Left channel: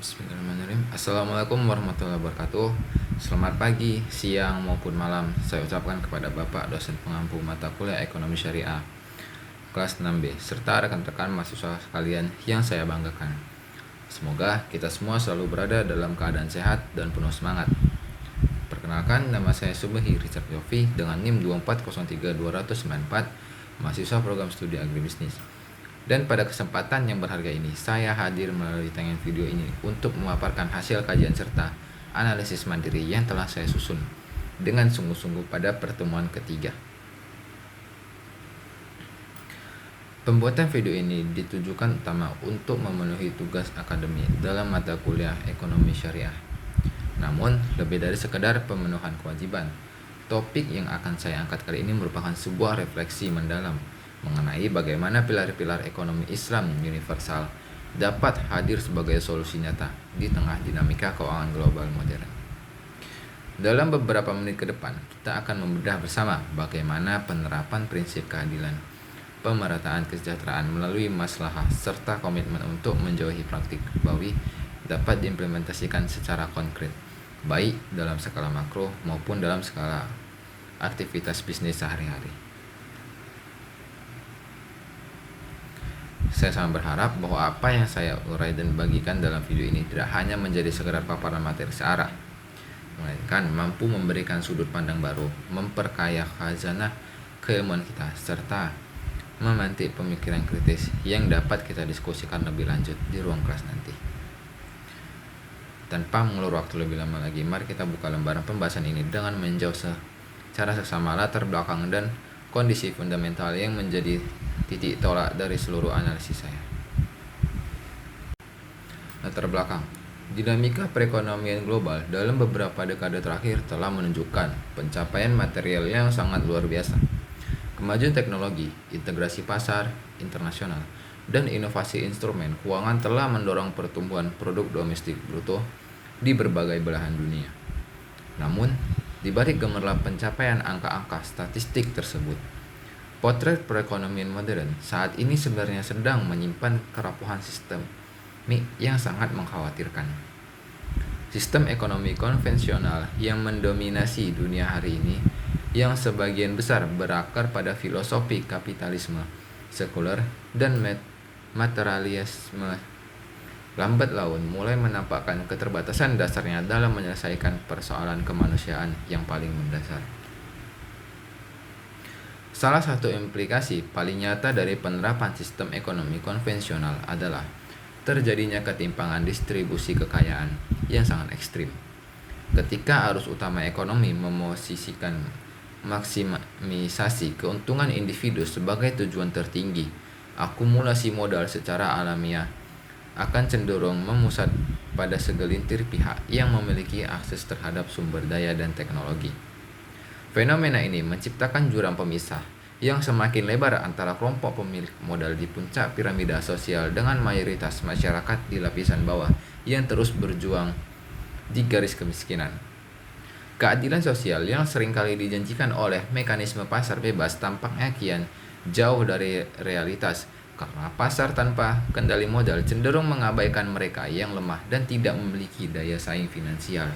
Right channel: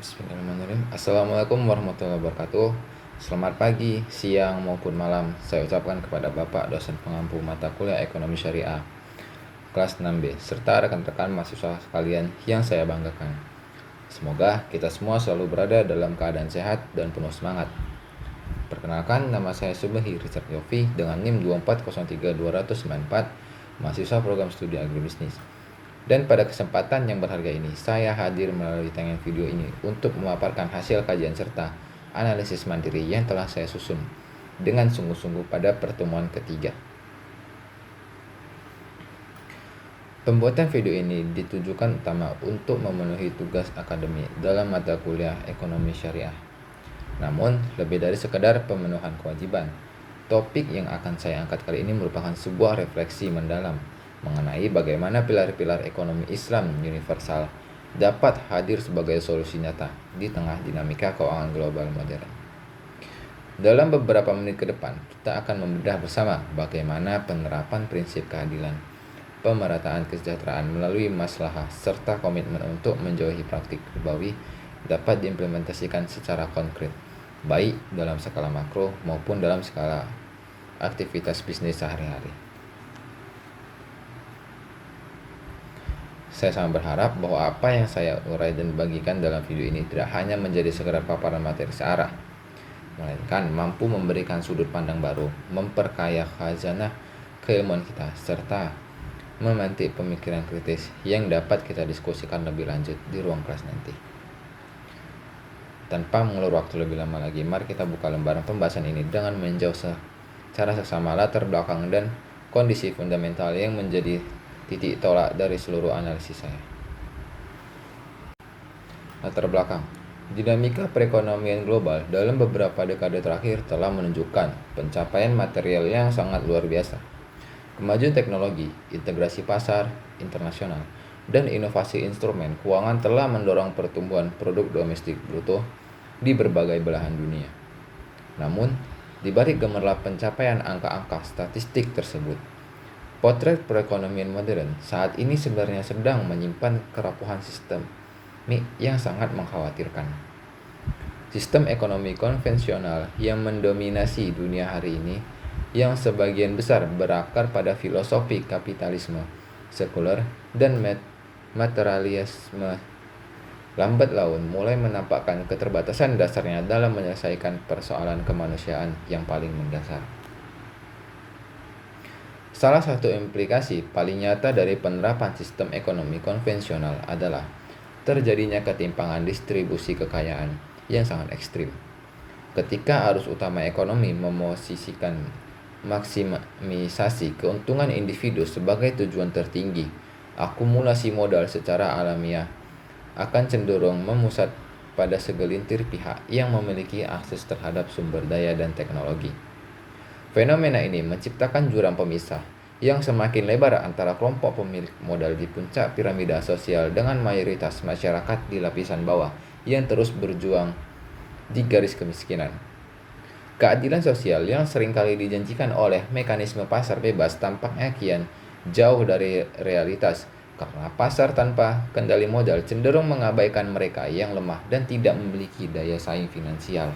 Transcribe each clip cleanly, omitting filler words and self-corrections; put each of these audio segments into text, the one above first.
Bismillahirrahmanirrahim. Assalamualaikum warahmatullahi wabarakatuh. Selamat pagi, siang maupun malam saya ucapkan kepada Bapak dosen pengampu mata kuliah Ekonomi Syariah kelas 6B serta rekan-rekan mahasiswa sekalian yang saya banggakan. Semoga kita semua selalu berada dalam keadaan sehat dan penuh semangat. Perkenalkan, nama saya Subahi Richard Yofi dengan NIM 2403294, mahasiswa program studi agribisnis. Dan pada kesempatan yang berharga ini, saya hadir melalui tayangan video ini untuk memaparkan hasil kajian serta analisis mandiri yang telah saya susun dengan sungguh-sungguh pada pertemuan ketiga. Pembuatan video ini ditujukan utama untuk memenuhi tugas akademik dalam mata kuliah Ekonomi Syariah. Namun, lebih dari sekedar pemenuhan kewajiban, topik yang akan saya angkat kali ini merupakan sebuah refleksi mendalam mengenai bagaimana pilar-pilar ekonomi Islam universal dapat hadir sebagai solusi nyata di tengah dinamika keuangan global modern. Dalam beberapa menit ke depan, kita akan membedah bersama bagaimana penerapan prinsip keadilan, pemerataan kesejahteraan melalui maslahah serta komitmen untuk menjauhi praktik ribawi dapat diimplementasikan secara konkret, baik dalam skala makro maupun dalam skala aktivitas bisnis sehari-hari. Saya sangat berharap bahwa apa yang saya urai dan bagikan dalam video ini tidak hanya menjadi sekedar paparan materi searah, melainkan mampu memberikan sudut pandang baru, memperkaya khazanah keilmuan kita, serta memantik pemikiran kritis yang dapat kita diskusikan lebih lanjut di ruang kelas nanti. Tanpa mengulur waktu lebih lama lagi, mari kita buka lembaran pembahasan ini dengan meninjau secara seksama latar belakang dan kondisi fundamental yang menjadi titik tolak dari seluruh analisis saya. Latar belakang. Dinamika perekonomian global dalam beberapa dekade terakhir telah menunjukkan pencapaian material yang sangat luar biasa. Kemajuan teknologi, integrasi pasar internasional, dan inovasi instrumen keuangan telah mendorong pertumbuhan produk domestik bruto di berbagai belahan dunia. Namun, di balik gemerlap pencapaian angka-angka statistik tersebut, potret perekonomian modern saat ini sebenarnya sedang menyimpan kerapuhan sistem yang sangat mengkhawatirkan. Sistem ekonomi konvensional yang mendominasi dunia hari ini, yang sebagian besar berakar pada filosofi kapitalisme sekuler dan materialisme, lambat laun mulai menampakkan keterbatasan dasarnya dalam menyelesaikan persoalan kemanusiaan yang paling mendasar. Salah satu implikasi paling nyata dari penerapan sistem ekonomi konvensional adalah terjadinya ketimpangan distribusi kekayaan yang sangat ekstrim. Ketika arus utama ekonomi memosisikan maksimisasi keuntungan individu sebagai tujuan tertinggi, akumulasi modal secara alamiah akan cenderung memusat pada segelintir pihak yang memiliki akses terhadap sumber daya dan teknologi. Fenomena ini menciptakan jurang pemisah yang semakin lebar antara kelompok pemilik modal di puncak piramida sosial dengan mayoritas masyarakat di lapisan bawah yang terus berjuang di garis kemiskinan. Keadilan sosial yang seringkali dijanjikan oleh mekanisme pasar bebas tampaknya kian jauh dari realitas karena pasar tanpa kendali modal cenderung mengabaikan mereka yang lemah dan tidak memiliki daya saing finansial.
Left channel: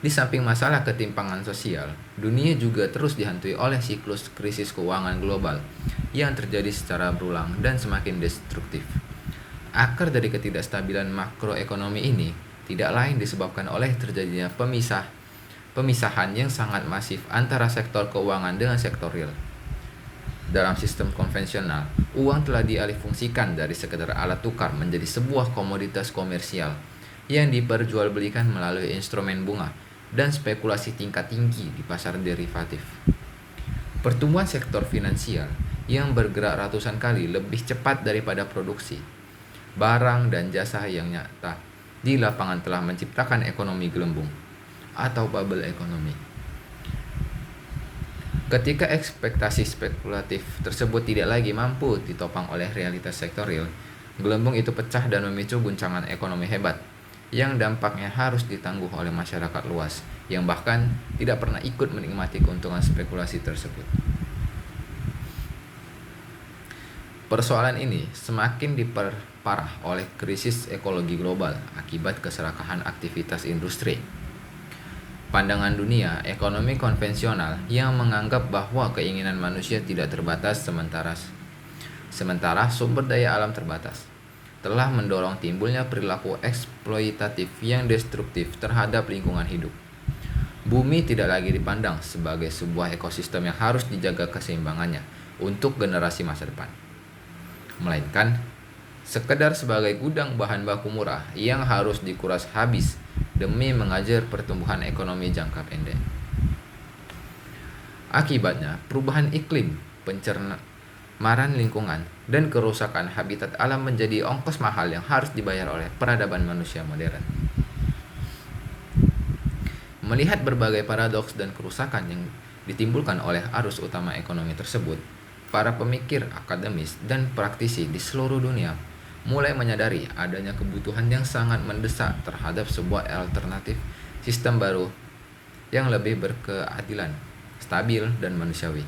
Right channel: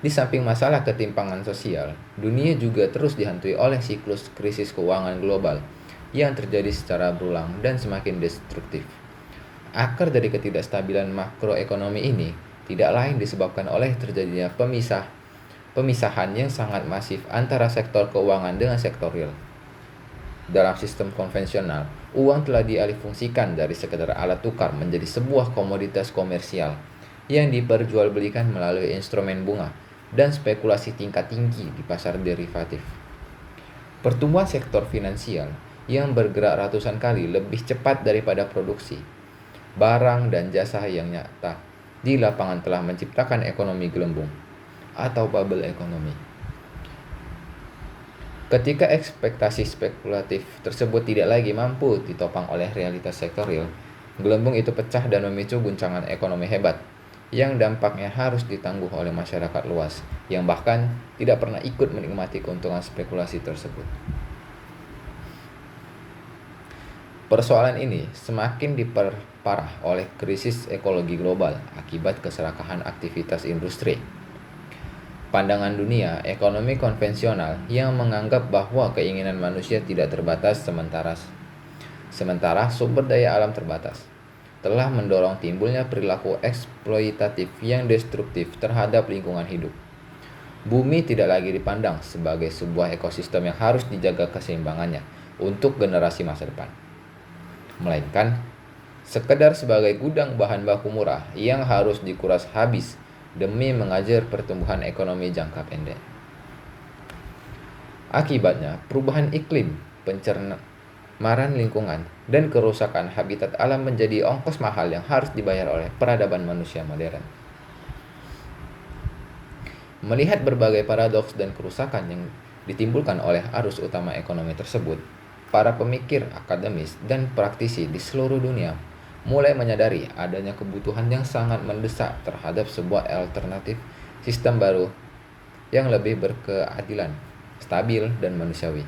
Di samping masalah ketimpangan sosial, dunia juga terus dihantui oleh siklus krisis keuangan global yang terjadi secara berulang dan semakin destruktif. Akar dari ketidakstabilan makroekonomi ini tidak lain disebabkan oleh terjadinya pemisahan yang sangat masif antara sektor keuangan dengan sektor real. Dalam sistem konvensional, uang telah dialihfungsikan dari sekedar alat tukar menjadi sebuah komoditas komersial yang diperjualbelikan melalui instrumen bunga dan spekulasi tingkat tinggi di pasar derivatif. Pertumbuhan sektor finansial yang bergerak ratusan kali lebih cepat daripada produksi barang dan jasa yang nyata di lapangan telah menciptakan ekonomi gelembung atau bubble ekonomi. Ketika ekspektasi spekulatif tersebut tidak lagi mampu ditopang oleh realitas sektor real, gelembung itu pecah dan memicu guncangan ekonomi hebat yang dampaknya harus ditangguh oleh masyarakat luas yang bahkan tidak pernah ikut menikmati keuntungan spekulasi tersebut. Persoalan ini semakin diperparah oleh krisis ekologi global akibat keserakahan aktivitas industri. Pandangan dunia ekonomi konvensional yang menganggap bahwa keinginan manusia tidak terbatas sementara sumber daya alam terbatas, telah mendorong timbulnya perilaku eksploitatif yang destruktif terhadap lingkungan hidup. Bumi tidak lagi dipandang sebagai sebuah ekosistem yang harus dijaga keseimbangannya untuk generasi masa depan, melainkan sekedar sebagai gudang bahan baku murah yang harus dikuras habis demi mengajar pertumbuhan ekonomi jangka pendek. Akibatnya, perubahan iklim, pencemaran lingkungan, dan kerusakan habitat alam menjadi ongkos mahal yang harus dibayar oleh peradaban manusia modern. Melihat berbagai paradoks dan kerusakan yang ditimbulkan oleh arus utama ekonomi tersebut, para pemikir akademis dan praktisi di seluruh dunia mulai menyadari adanya kebutuhan yang sangat mendesak terhadap sebuah alternatif sistem baru yang lebih berkeadilan, stabil, dan manusiawi.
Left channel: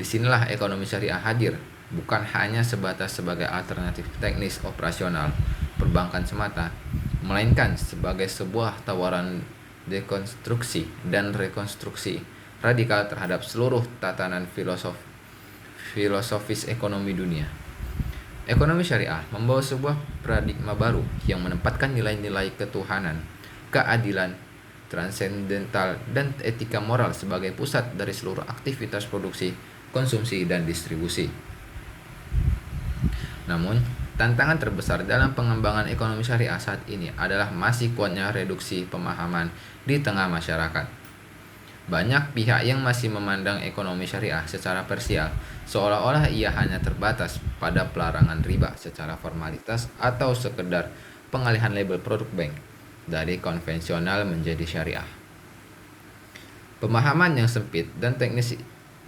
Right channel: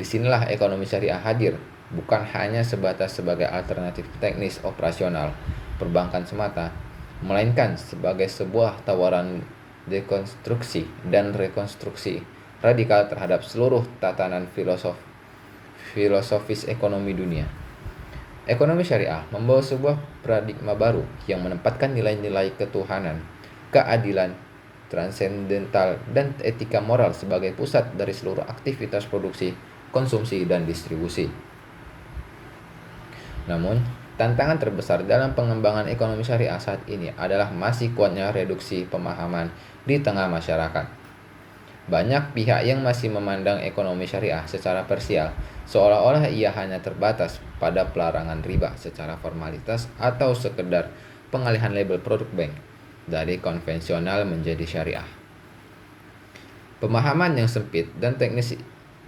Disinilah ekonomi syariah hadir, bukan hanya sebatas sebagai alternatif teknis operasional perbankan semata, melainkan sebagai sebuah tawaran dekonstruksi dan rekonstruksi radikal terhadap seluruh tatanan filosofis ekonomi dunia. Ekonomi syariah membawa sebuah paradigma baru yang menempatkan nilai-nilai ketuhanan, keadilan, transendental, dan etika moral sebagai pusat dari seluruh aktivitas produksi, konsumsi, dan distribusi. Namun, tantangan terbesar dalam pengembangan ekonomi syariah saat ini adalah masih kuatnya reduksi pemahaman di tengah masyarakat. Banyak pihak yang masih memandang ekonomi syariah secara parsial, seolah-olah ia hanya terbatas pada pelarangan riba secara formalitas atau sekedar pengalihan label produk bank dari konvensional menjadi syariah. Pemahaman yang sempit dan teknis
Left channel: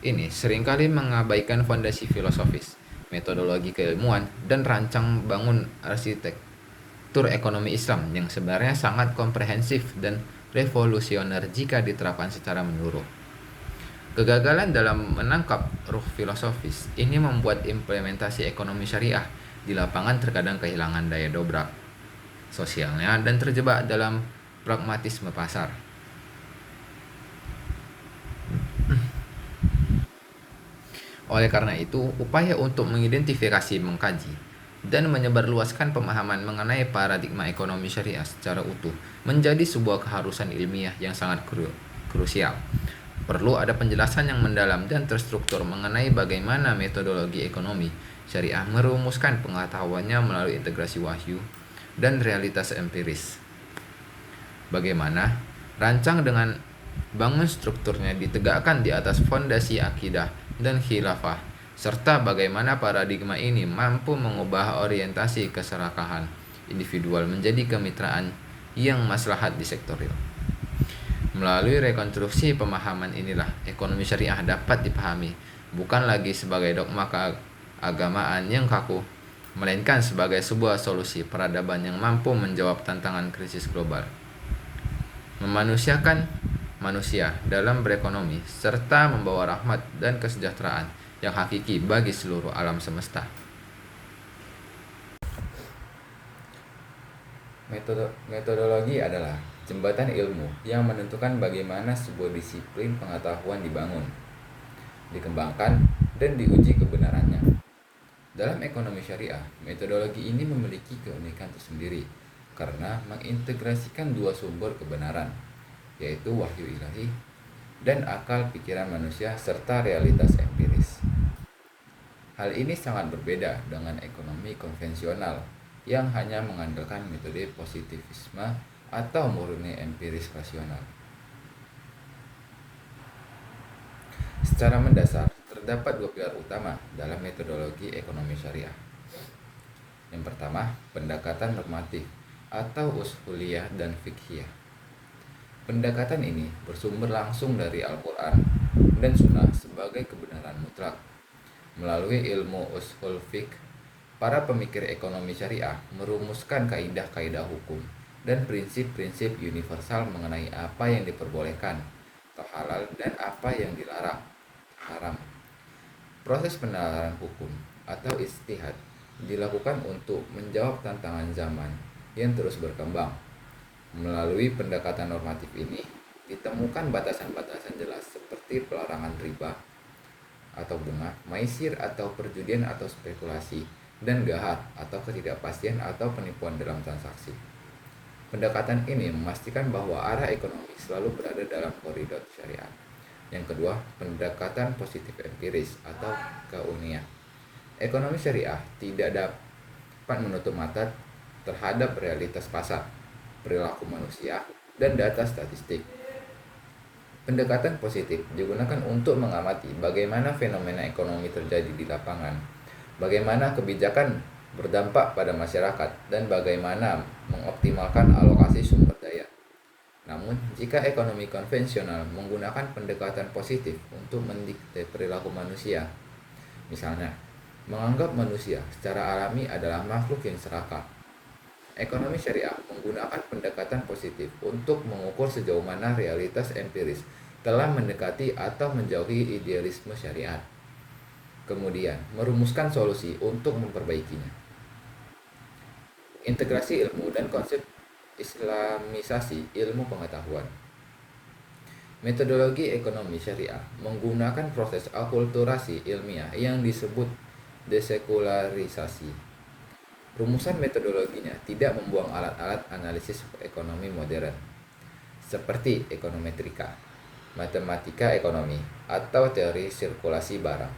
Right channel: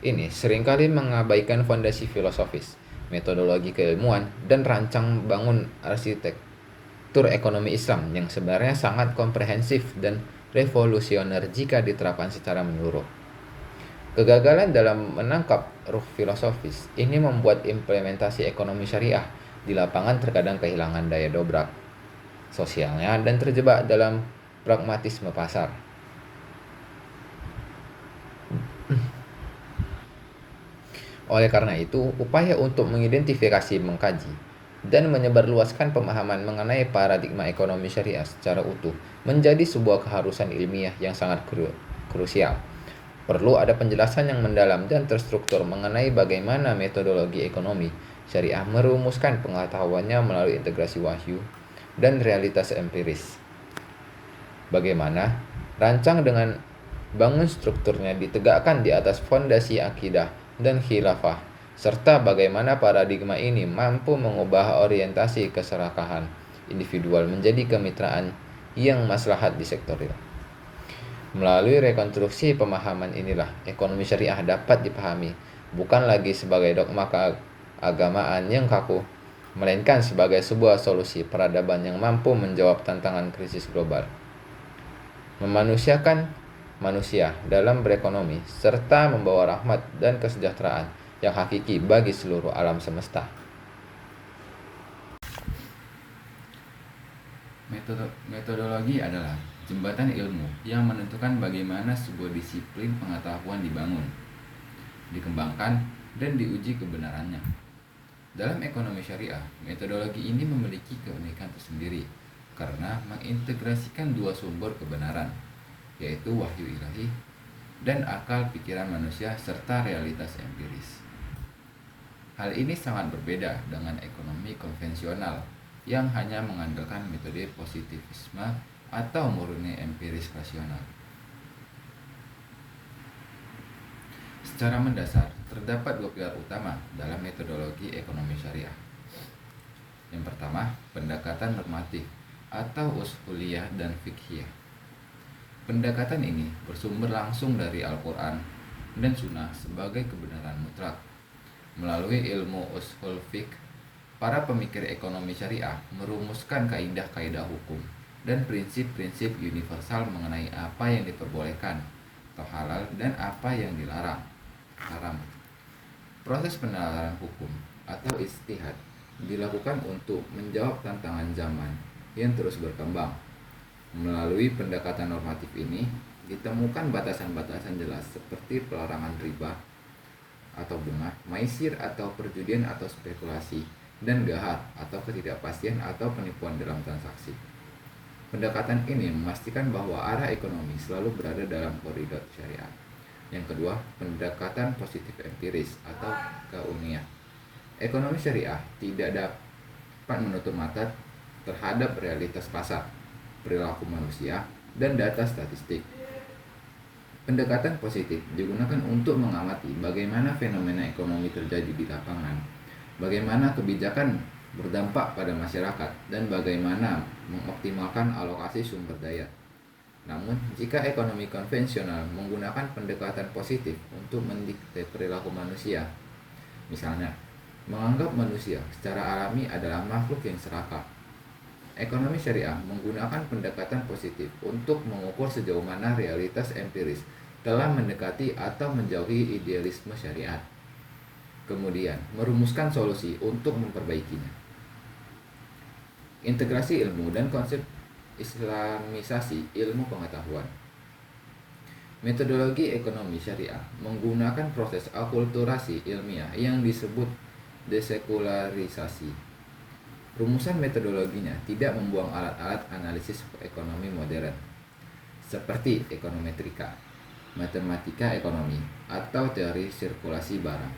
ini seringkali mengabaikan fondasi filosofis, metodologi keilmuan, dan rancang bangun arsitektur ekonomi Islam yang sebenarnya sangat komprehensif dan revolusioner jika diterapkan secara menyeluruh. Kegagalan dalam menangkap ruh filosofis ini membuat implementasi ekonomi syariah di lapangan terkadang kehilangan daya dobrak sosialnya dan terjebak dalam pragmatisme pasar. Oleh karena itu, upaya untuk mengidentifikasi, mengkaji, dan menyebarluaskan pemahaman mengenai paradigma ekonomi syariah secara utuh menjadi sebuah keharusan ilmiah yang sangat krusial. Perlu ada penjelasan yang mendalam dan terstruktur mengenai bagaimana metodologi ekonomi syariah merumuskan pengetahuannya melalui integrasi wahyu dan realitas empiris. Bagaimana rancang dengan bangun strukturnya ditegakkan di atas fondasi akidah dan khilafah, serta bagaimana paradigma ini mampu mengubah orientasi keserakahan individual menjadi kemitraan yang maslahat di sektor real. Melalui rekonstruksi pemahaman inilah ekonomi syariah dapat dipahami bukan lagi sebagai dogma keagamaan yang kaku, melainkan sebagai sebuah solusi peradaban yang mampu menjawab tantangan krisis global, memanusiakan manusia dalam berekonomi, serta membawa rahmat dan kesejahteraan yang hakiki bagi seluruh alam semesta. Metodologi adalah jembatan ilmu yang menentukan bagaimana sebuah disiplin pengetahuan dibangun, dikembangkan, dan diuji kebenarannya. Dalam ekonomi syariah, metodologi ini memiliki keunikan tersendiri karena mengintegrasikan dua sumber kebenaran, yaitu wahyu ilahi dan akal pikiran manusia serta realitas empiris. Hal ini sangat berbeda dengan ekonomi konvensional yang hanya mengandalkan metode positivisme atau murni empiris rasional. Secara mendasar, terdapat dua pilar utama dalam metodologi ekonomi syariah. Yang pertama, pendekatan normatif atau usuliyah dan fiqhiyah. Pendekatan ini bersumber langsung dari Al-Quran dan Sunnah sebagai kebenaran mutlak. Melalui ilmu usul fiqh, para pemikir ekonomi syariah merumuskan kaidah-kaidah hukum dan prinsip-prinsip universal mengenai apa yang diperbolehkan atau halal dan apa yang dilarang, haram. Proses penalaran hukum atau ijtihad dilakukan untuk menjawab tantangan zaman yang terus berkembang. Melalui pendekatan normatif ini, ditemukan batasan-batasan jelas seperti pelarangan riba atau bunga, maisir atau perjudian atau spekulasi, dan gahar atau ketidakpastian atau penipuan dalam transaksi. Pendekatan ini memastikan bahwa arah ekonomi selalu berada dalam koridor syariat. Yang kedua, pendekatan positif empiris atau keilmiah. Ekonomi syariah tidak dapat menutup mata terhadap realitas pasar, perilaku manusia, dan data statistik. Pendekatan positif digunakan untuk mengamati bagaimana fenomena ekonomi terjadi di lapangan, bagaimana kebijakan berdampak pada masyarakat, dan bagaimana mengoptimalkan alokasi sumber daya. Namun, jika ekonomi konvensional menggunakan pendekatan positif untuk mendikte perilaku manusia, misalnya, menganggap manusia secara alami adalah makhluk yang serakah, ekonomi syariah menggunakan pendekatan positif untuk mengukur sejauh mana realitas empiris telah mendekati atau menjauhi idealisme syariat. Kemudian, merumuskan solusi untuk memperbaikinya. Integrasi ilmu dan konsep Islamisasi ilmu pengetahuan. Metodologi ekonomi syariah menggunakan proses akulturasi ilmiah yang disebut desekularisasi. Rumusan metodologinya tidak membuang alat-alat analisis ekonomi modern, seperti ekonometrika, matematika ekonomi, atau teori sirkulasi barang,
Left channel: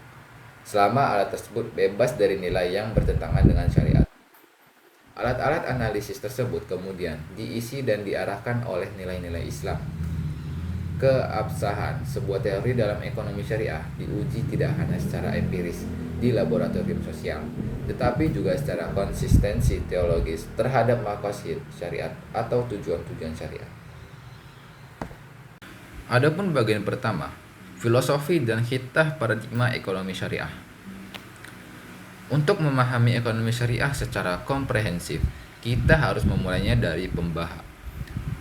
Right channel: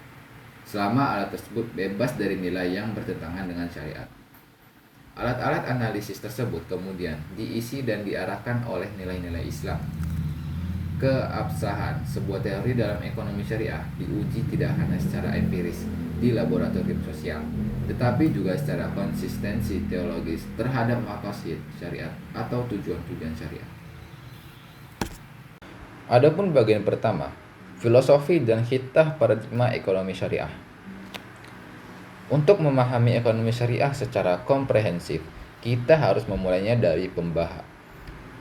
selama alat tersebut bebas dari nilai yang bertentangan dengan syariat. Alat-alat analisis tersebut kemudian diisi dan diarahkan oleh nilai-nilai Islam. Keabsahan sebuah teori dalam ekonomi syariah diuji tidak hanya secara empiris di laboratorium sosial, tetapi juga secara konsistensi teologis terhadap maqasid syariat atau tujuan-tujuan syariat. Adapun bagian pertama, filosofi dan hitah paradigma ekonomi syariah. Untuk memahami ekonomi syariah secara komprehensif, kita harus memulainya dari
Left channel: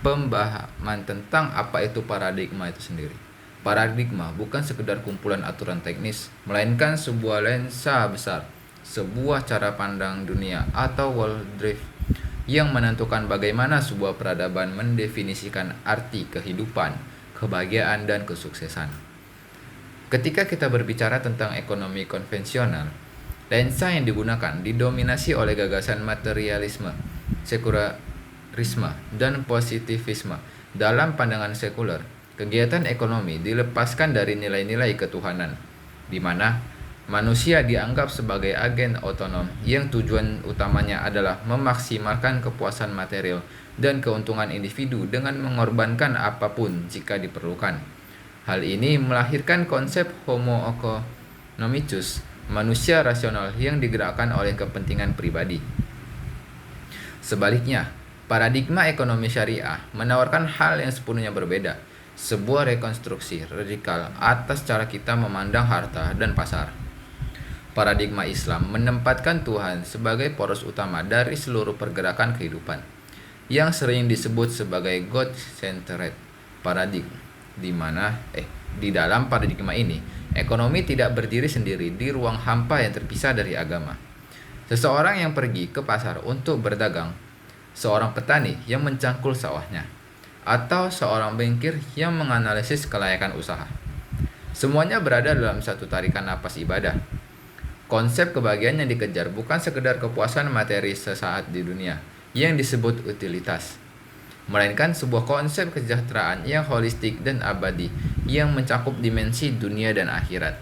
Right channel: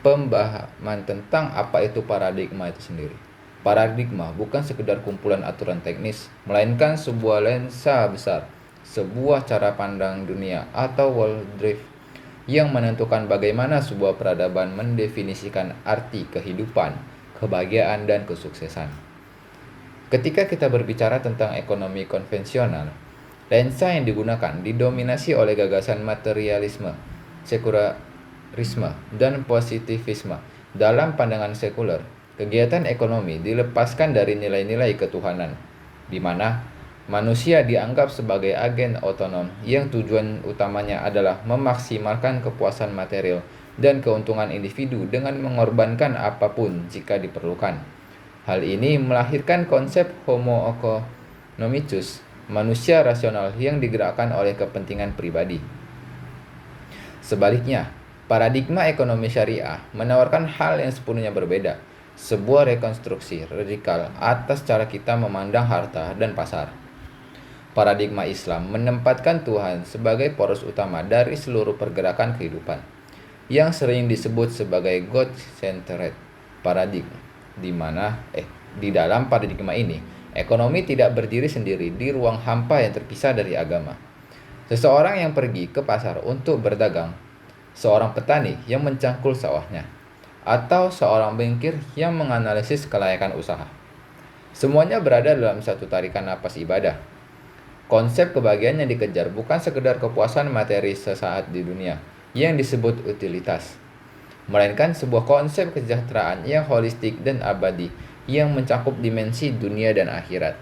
pemahaman tentang apa itu paradigma itu sendiri. Paradigma bukan sekedar kumpulan aturan teknis, melainkan sebuah lensa besar, sebuah cara pandang dunia atau worldview yang menentukan bagaimana sebuah peradaban mendefinisikan arti kehidupan, kebahagiaan, dan kesuksesan. Ketika kita berbicara tentang ekonomi konvensional, lensa yang digunakan didominasi oleh gagasan materialisme, sekularisme, dan positivisme. Dalam pandangan sekuler, kegiatan ekonomi dilepaskan dari nilai-nilai ketuhanan, di mana manusia dianggap sebagai agen otonom yang tujuan utamanya adalah memaksimalkan kepuasan material dan keuntungan individu dengan mengorbankan apapun jika diperlukan. Hal ini melahirkan konsep homo economicus, manusia rasional yang digerakkan oleh kepentingan pribadi. Sebaliknya, paradigma ekonomi syariah menawarkan hal yang sepenuhnya berbeda, sebuah rekonstruksi radikal atas cara kita memandang harta dan pasar. Paradigma Islam menempatkan Tuhan sebagai poros utama dari seluruh pergerakan kehidupan, yang sering disebut sebagai God-centered paradigma, di dalam paradigma ini, ekonomi tidak berdiri sendiri di ruang hampa yang terpisah dari agama. Seseorang yang pergi ke pasar untuk berdagang, seorang petani yang mencangkul sawahnya, atau seorang bankir yang menganalisis kelayakan usaha. Semuanya berada dalam satu tarikan napas ibadah. Konsep kebahagiaan yang dikejar bukan sekedar kepuasan materi sesaat di dunia yang disebut utilitas, melainkan sebuah konsep kesejahteraan yang holistik dan abadi yang mencakup dimensi dunia dan akhirat,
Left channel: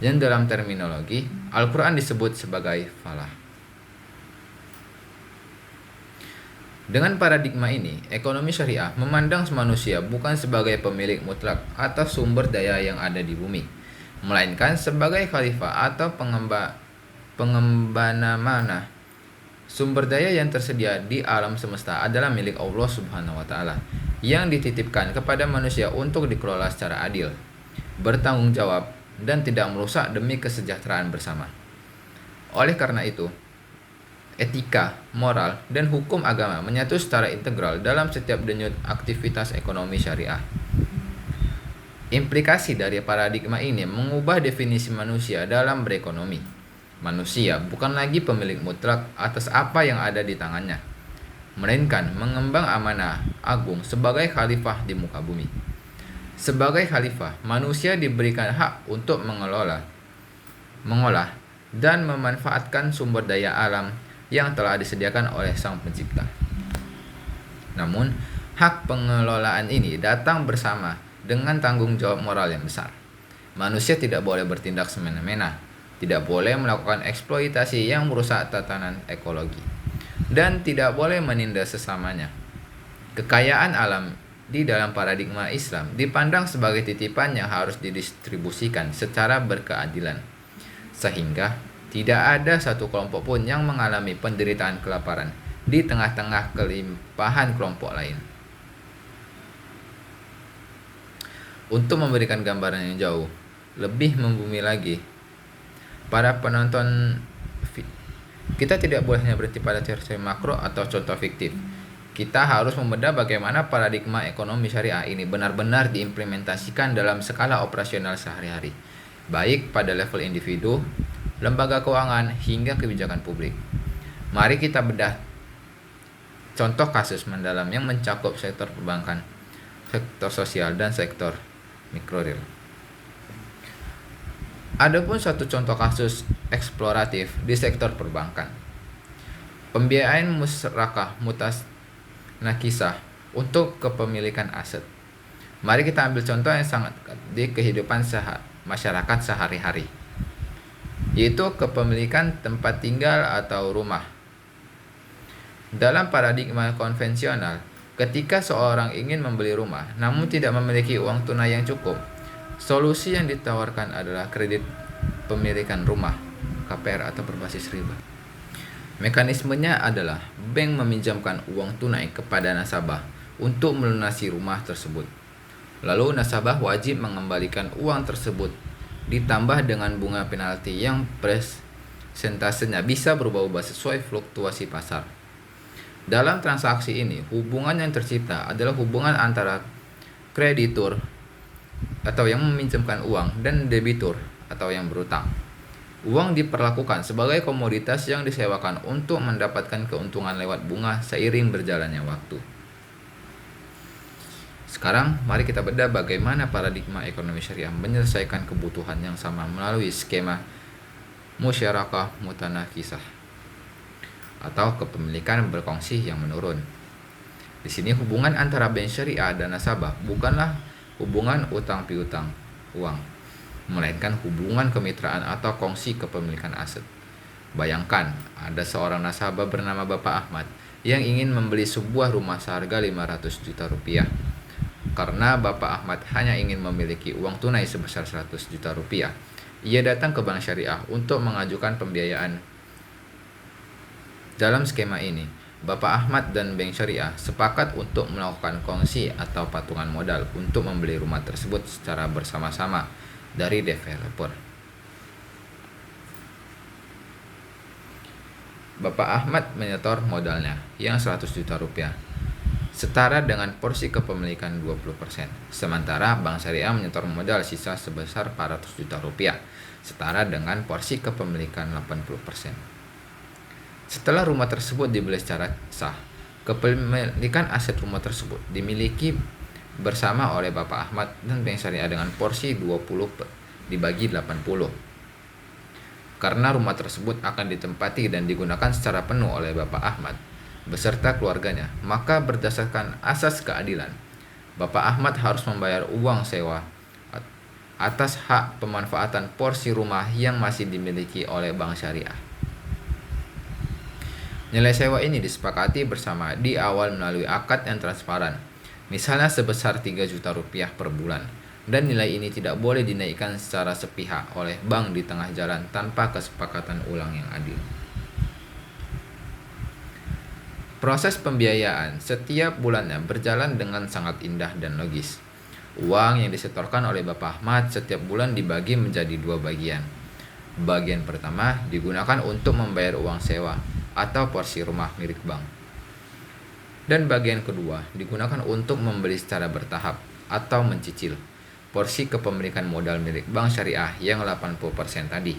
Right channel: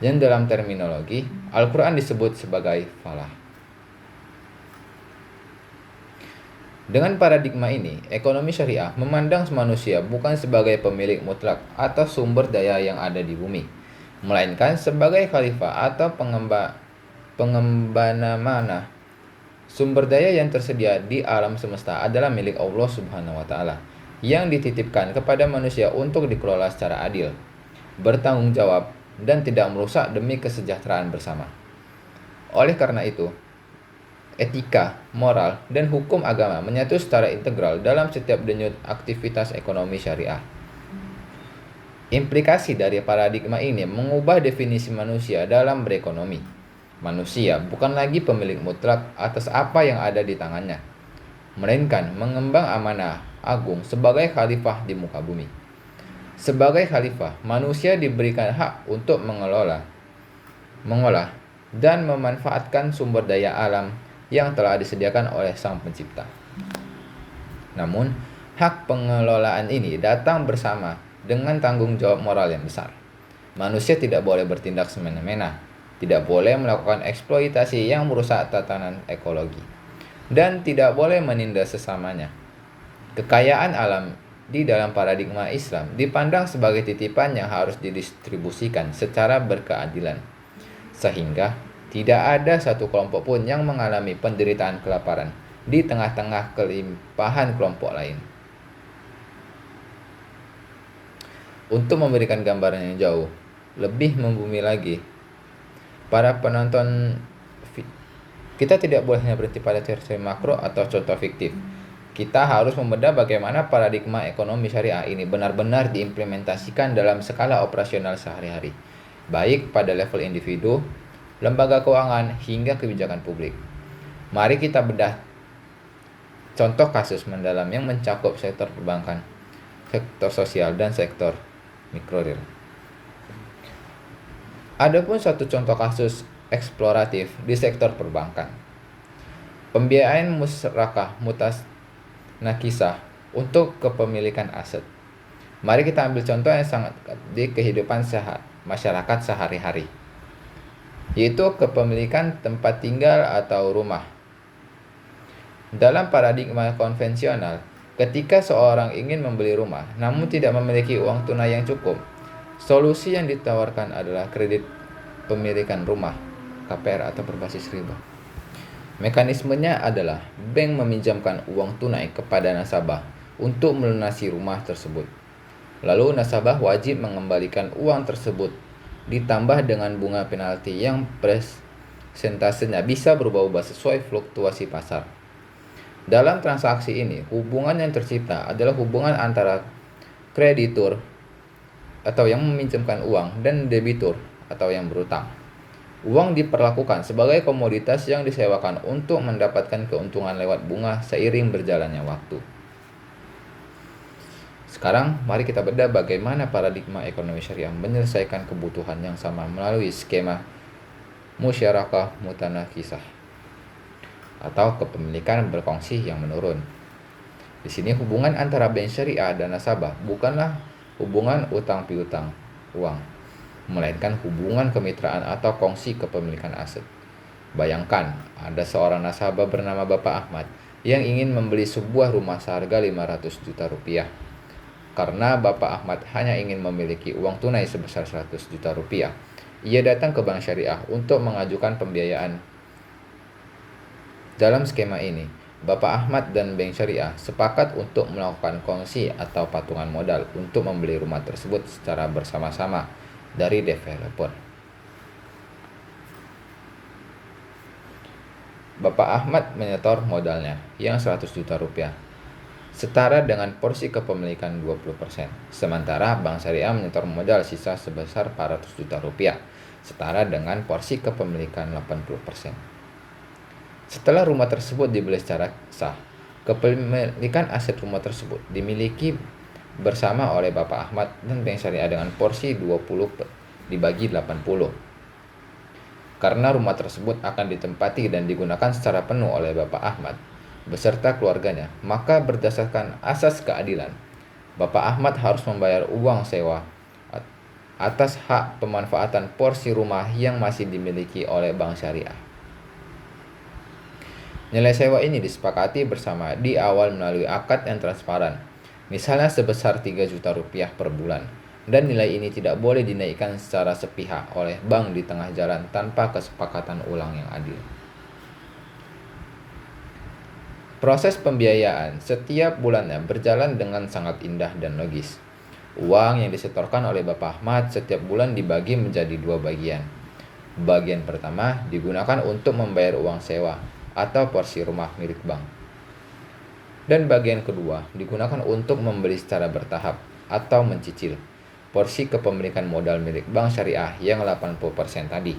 yang dalam terminologi Al-Quran disebut sebagai falah. Dengan paradigma ini, ekonomi syariah memandang manusia bukan sebagai pemilik mutlak atas sumber daya yang ada di bumi, melainkan sebagai khalifah atau pengembana mana. Sumber daya yang tersedia di alam semesta adalah milik Allah Subhanahu wa Ta'ala, yang dititipkan kepada manusia untuk dikelola secara adil, bertanggung jawab, dan tidak merusak demi kesejahteraan bersama. Oleh karena itu, etika, moral, dan hukum agama menyatu secara integral dalam setiap denyut aktivitas ekonomi syariah. Implikasi dari paradigma ini mengubah definisi manusia dalam berekonomi. Manusia bukan lagi pemilik mutlak atas apa yang ada di tangannya, melainkan mengemban amanah agung sebagai khalifah di muka bumi. Sebagai khalifah, manusia diberikan hak untuk mengolah, dan memanfaatkan sumber daya alam yang telah disediakan oleh Sang Pencipta. Namun, hak pengelolaan ini datang bersama dengan tanggung jawab moral yang besar. Manusia tidak boleh bertindak semena-mena, tidak boleh melakukan eksploitasi yang merusak tatanan ekologi, dan tidak boleh menindas sesamanya. Kekayaan alam di dalam paradigma Islam dipandang sebagai titipan yang harus didistribusikan secara berkeadilan, sehingga tidak ada satu kelompok pun yang mengalami penderitaan kelaparan di tengah-tengah kelimpahan kelompok lain. Untuk memberikan gambaran yang jauh lebih membumi lagi, para penonton, kita tidak boleh hanya berhenti pada teori makro atau contoh fiktif. Kita harus membedah bagaimana paradigma ekonomi syariah ini benar-benar diimplementasikan dalam skala operasional sehari-hari, baik pada level individu, lembaga keuangan, hingga kebijakan publik. Mari kita bedah contoh kasus mendalam yang mencakup sektor perbankan, sektor sosial, dan sektor mikroreal. Adapun satu contoh kasus eksploratif di sektor perbankan, pembiayaan musyarakah mutanakisah untuk kepemilikan aset. Mari kita ambil contoh yang sangat di kehidupan masyarakat sehari-hari, yaitu kepemilikan tempat tinggal atau rumah. Dalam paradigma konvensional, ketika seorang ingin membeli rumah namun tidak memiliki uang tunai yang cukup, solusi yang ditawarkan adalah kredit pemilikan rumah, KPR atau berbasis riba. Mekanismenya adalah bank meminjamkan uang tunai kepada nasabah untuk melunasi rumah tersebut. Lalu nasabah wajib mengembalikan uang tersebut ditambah dengan bunga penalti yang persentasenya bisa berubah-ubah sesuai fluktuasi pasar. Dalam transaksi ini, hubungan yang tercipta adalah hubungan antara kreditur atau yang meminjamkan uang dan debitur atau yang berutang. Uang diperlakukan sebagai komoditas yang disewakan untuk mendapatkan keuntungan lewat bunga seiring berjalannya waktu. Sekarang mari kita bedah bagaimana paradigma ekonomi syariah menyelesaikan kebutuhan yang sama melalui skema musyarakah mutanakisah atau kepemilikan berkongsi yang menurun. Di sini hubungan antara bank syariah dan nasabah bukanlah hubungan utang piutang uang, melainkan hubungan kemitraan atau kongsi kepemilikan aset. Bayangkan ada seorang nasabah bernama Bapak Ahmad yang ingin membeli sebuah rumah seharga 500 juta rupiah. Karena Bapak Ahmad hanya ingin memiliki uang tunai sebesar 100 juta rupiah, ia datang ke Bank Syariah untuk mengajukan pembiayaan. Dalam skema ini, Bapak Ahmad dan Bank Syariah sepakat untuk melakukan kongsi atau patungan modal untuk membeli rumah tersebut secara bersama-sama dari developer. Bapak Ahmad menyetor modalnya yang 100 juta rupiah, setara dengan porsi kepemilikan 20%. Sementara Bank Syariah menyetor modal sisa sebesar 400 juta rupiah, setara dengan porsi kepemilikan 80%. Setelah rumah tersebut dibeli secara sah, kepemilikan aset rumah tersebut dimiliki bersama oleh Bapak Ahmad dan Bank Syariah dengan porsi 20 dibagi 80. Karena rumah tersebut akan ditempati dan digunakan secara penuh oleh Bapak Ahmad beserta keluarganya, maka berdasarkan asas keadilan, Bapak Ahmad harus membayar uang sewa atas hak pemanfaatan porsi rumah yang masih dimiliki oleh Bank Syariah. Nilai sewa ini disepakati bersama di awal melalui akad yang transparan, misalnya sebesar 3 juta rupiah per bulan, dan nilai ini tidak boleh dinaikkan secara sepihak oleh bank di tengah jalan tanpa kesepakatan ulang yang adil. Proses pembiayaan setiap bulannya berjalan dengan sangat indah dan logis. Uang yang disetorkan oleh Bapak Ahmad setiap bulan dibagi menjadi 2 bagian. Bagian pertama digunakan untuk membayar uang sewa atau porsi rumah milik bank. Dan bagian kedua digunakan untuk membeli secara bertahap atau mencicil porsi kepemilikan modal milik Bank Syariah yang 80% tadi.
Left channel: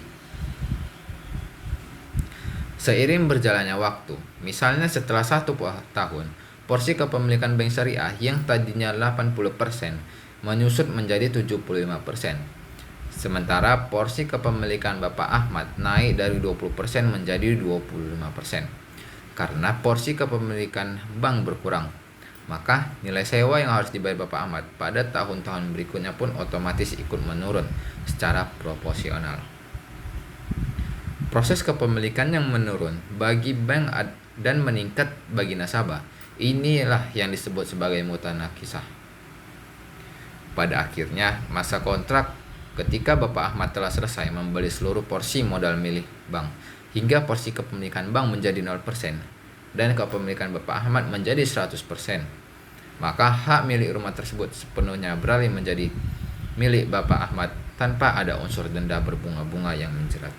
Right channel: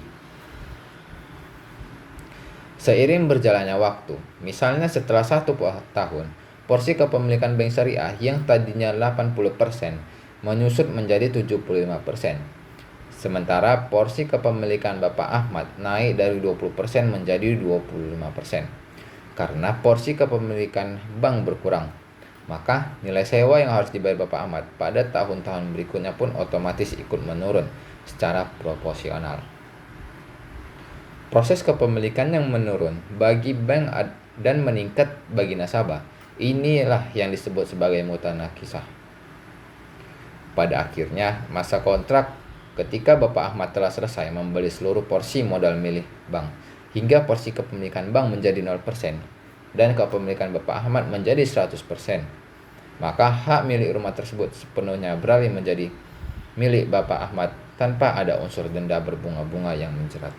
Seiring berjalannya waktu, misalnya setelah 1 tahun, porsi kepemilikan bank syariah yang tadinya 80% menyusut menjadi 75%. Sementara porsi kepemilikan Bapak Ahmad naik dari 20% menjadi 25%. Karena porsi kepemilikan bank berkurang, maka nilai sewa yang harus dibayar Bapak Ahmad pada tahun-tahun berikutnya pun otomatis ikut menurun secara proporsional. Proses kepemilikan yang menurun bagi bank dan meningkat bagi nasabah, inilah yang disebut sebagai mutanakisah. Pada akhirnya masa kontrak, ketika Bapak Ahmad telah selesai membeli seluruh porsi modal milik bank, hingga porsi kepemilikan bank menjadi 0% dan kepemilikan Bapak Ahmad menjadi 100%, maka hak milik rumah tersebut sepenuhnya beralih menjadi milik Bapak Ahmad tanpa ada unsur denda berbunga-bunga yang menjerat.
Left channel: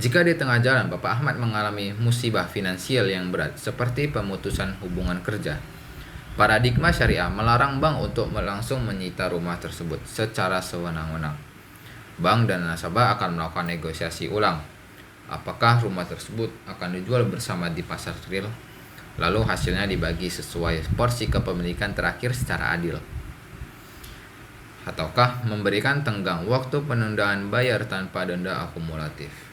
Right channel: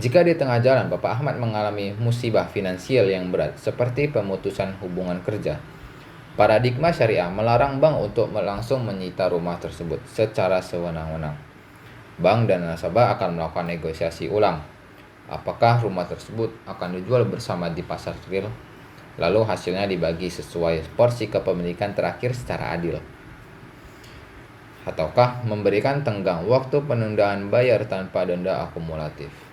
Jika di tengah jalan Bapak Ahmad mengalami musibah finansial yang berat seperti pemutusan hubungan kerja, paradigma syariah melarang bank untuk langsung menyita rumah tersebut secara sewenang-wenang. Bank dan nasabah akan melakukan negosiasi ulang. Apakah rumah tersebut akan dijual bersama di pasar real, lalu hasilnya dibagi sesuai porsi kepemilikan terakhir secara adil, ataukah memberikan tenggang waktu penundaan bayar tanpa denda akumulatif.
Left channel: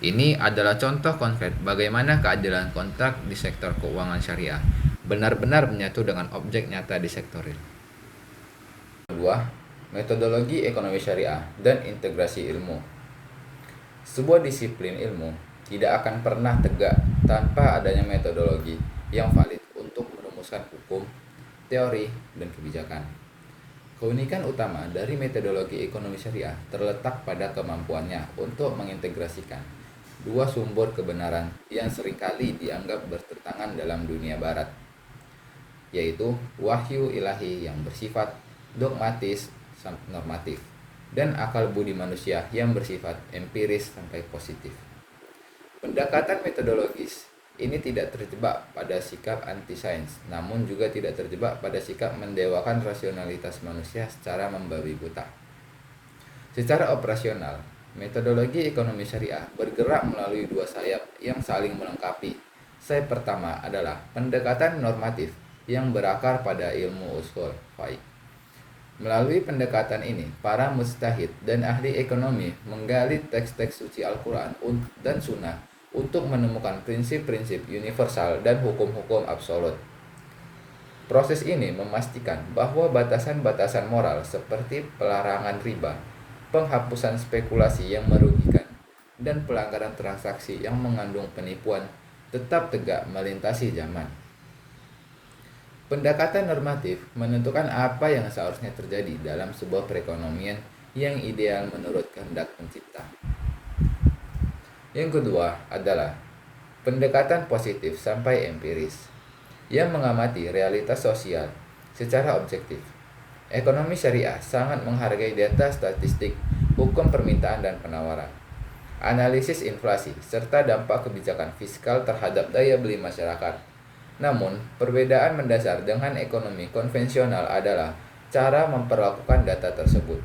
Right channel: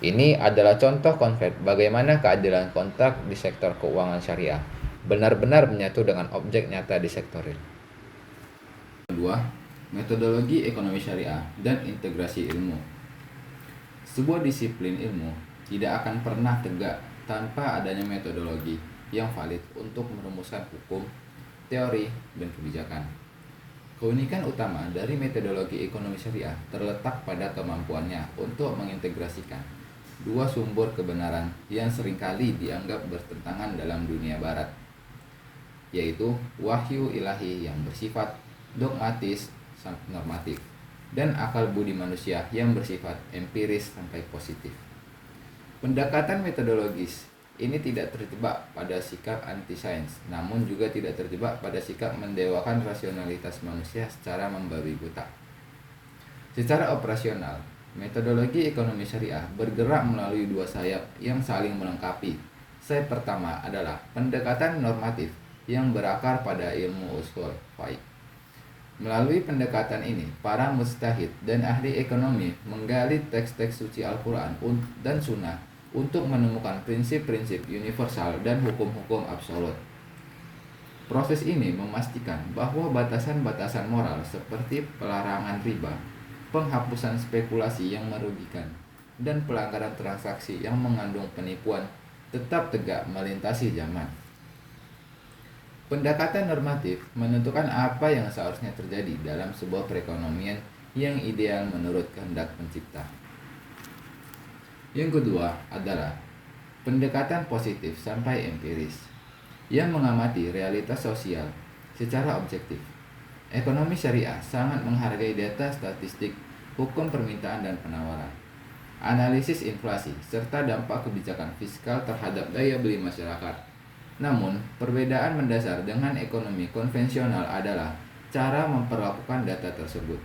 Ini adalah contoh konkret bagaimana keadilan kontrak di sektor keuangan syariah benar-benar menyatu dengan objek nyata di sektor real. Kedua, metodologi ekonomi syariah dan integrasi ilmu. Sebuah disiplin ilmu tidak akan pernah tegak tanpa adanya metodologi yang valid untuk merumuskan hukum, teori, dan kebijakan. Keunikan utama dari metodologi ekonomi syariah terletak pada kemampuannya untuk mengintegrasikan dua sumber kebenaran yang seringkali dianggap bertentangan dalam dunia barat, yaitu wahyu ilahi yang bersifat dogmatis sampai normatif dan akal budi manusia yang bersifat empiris sampai positif. Pendekatan metodologis ini tidak terjebak pada sikap anti-sains, namun juga tidak terjebak pada sikap mendewakan rasionalitas manusia secara membabi buta. Secara operasional, metodologi ekonomi syariah bergerak melalui dua sayap yang saling melengkapi. Sayap pertama adalah pendekatan normatif yang berakar pada ilmu ushul fiqh. Melalui pendekatan ini, para mujtahid dan ahli ekonomi menggali teks-teks suci Al-Quran dan Sunnah untuk menemukan prinsip-prinsip universal dan hukum-hukum absolut. Proses ini memastikan bahwa batasan-batasan moral seperti pelarangan riba, penghapusan spekulasi yang merugikan, dan pelanggaran transaksi yang mengandung penipuan tetap tegak melintasi zaman. Pendekatan normatif menentukan apa yang seharusnya terjadi dalam sebuah perekonomian yang ideal menurut kehendak pencipta. Yang kedua adalah pendekatan positif sampai empiris yang mengamati realitas sosial secara objektif. Ekonomi syariah sangat menghargai data statistik, hukum permintaan dan penawaran, analisis inflasi, serta dampak kebijakan fiskal terhadap daya beli masyarakat. Namun, perbedaan mendasar dengan ekonomi konvensional adalah cara memperlakukan data tersebut.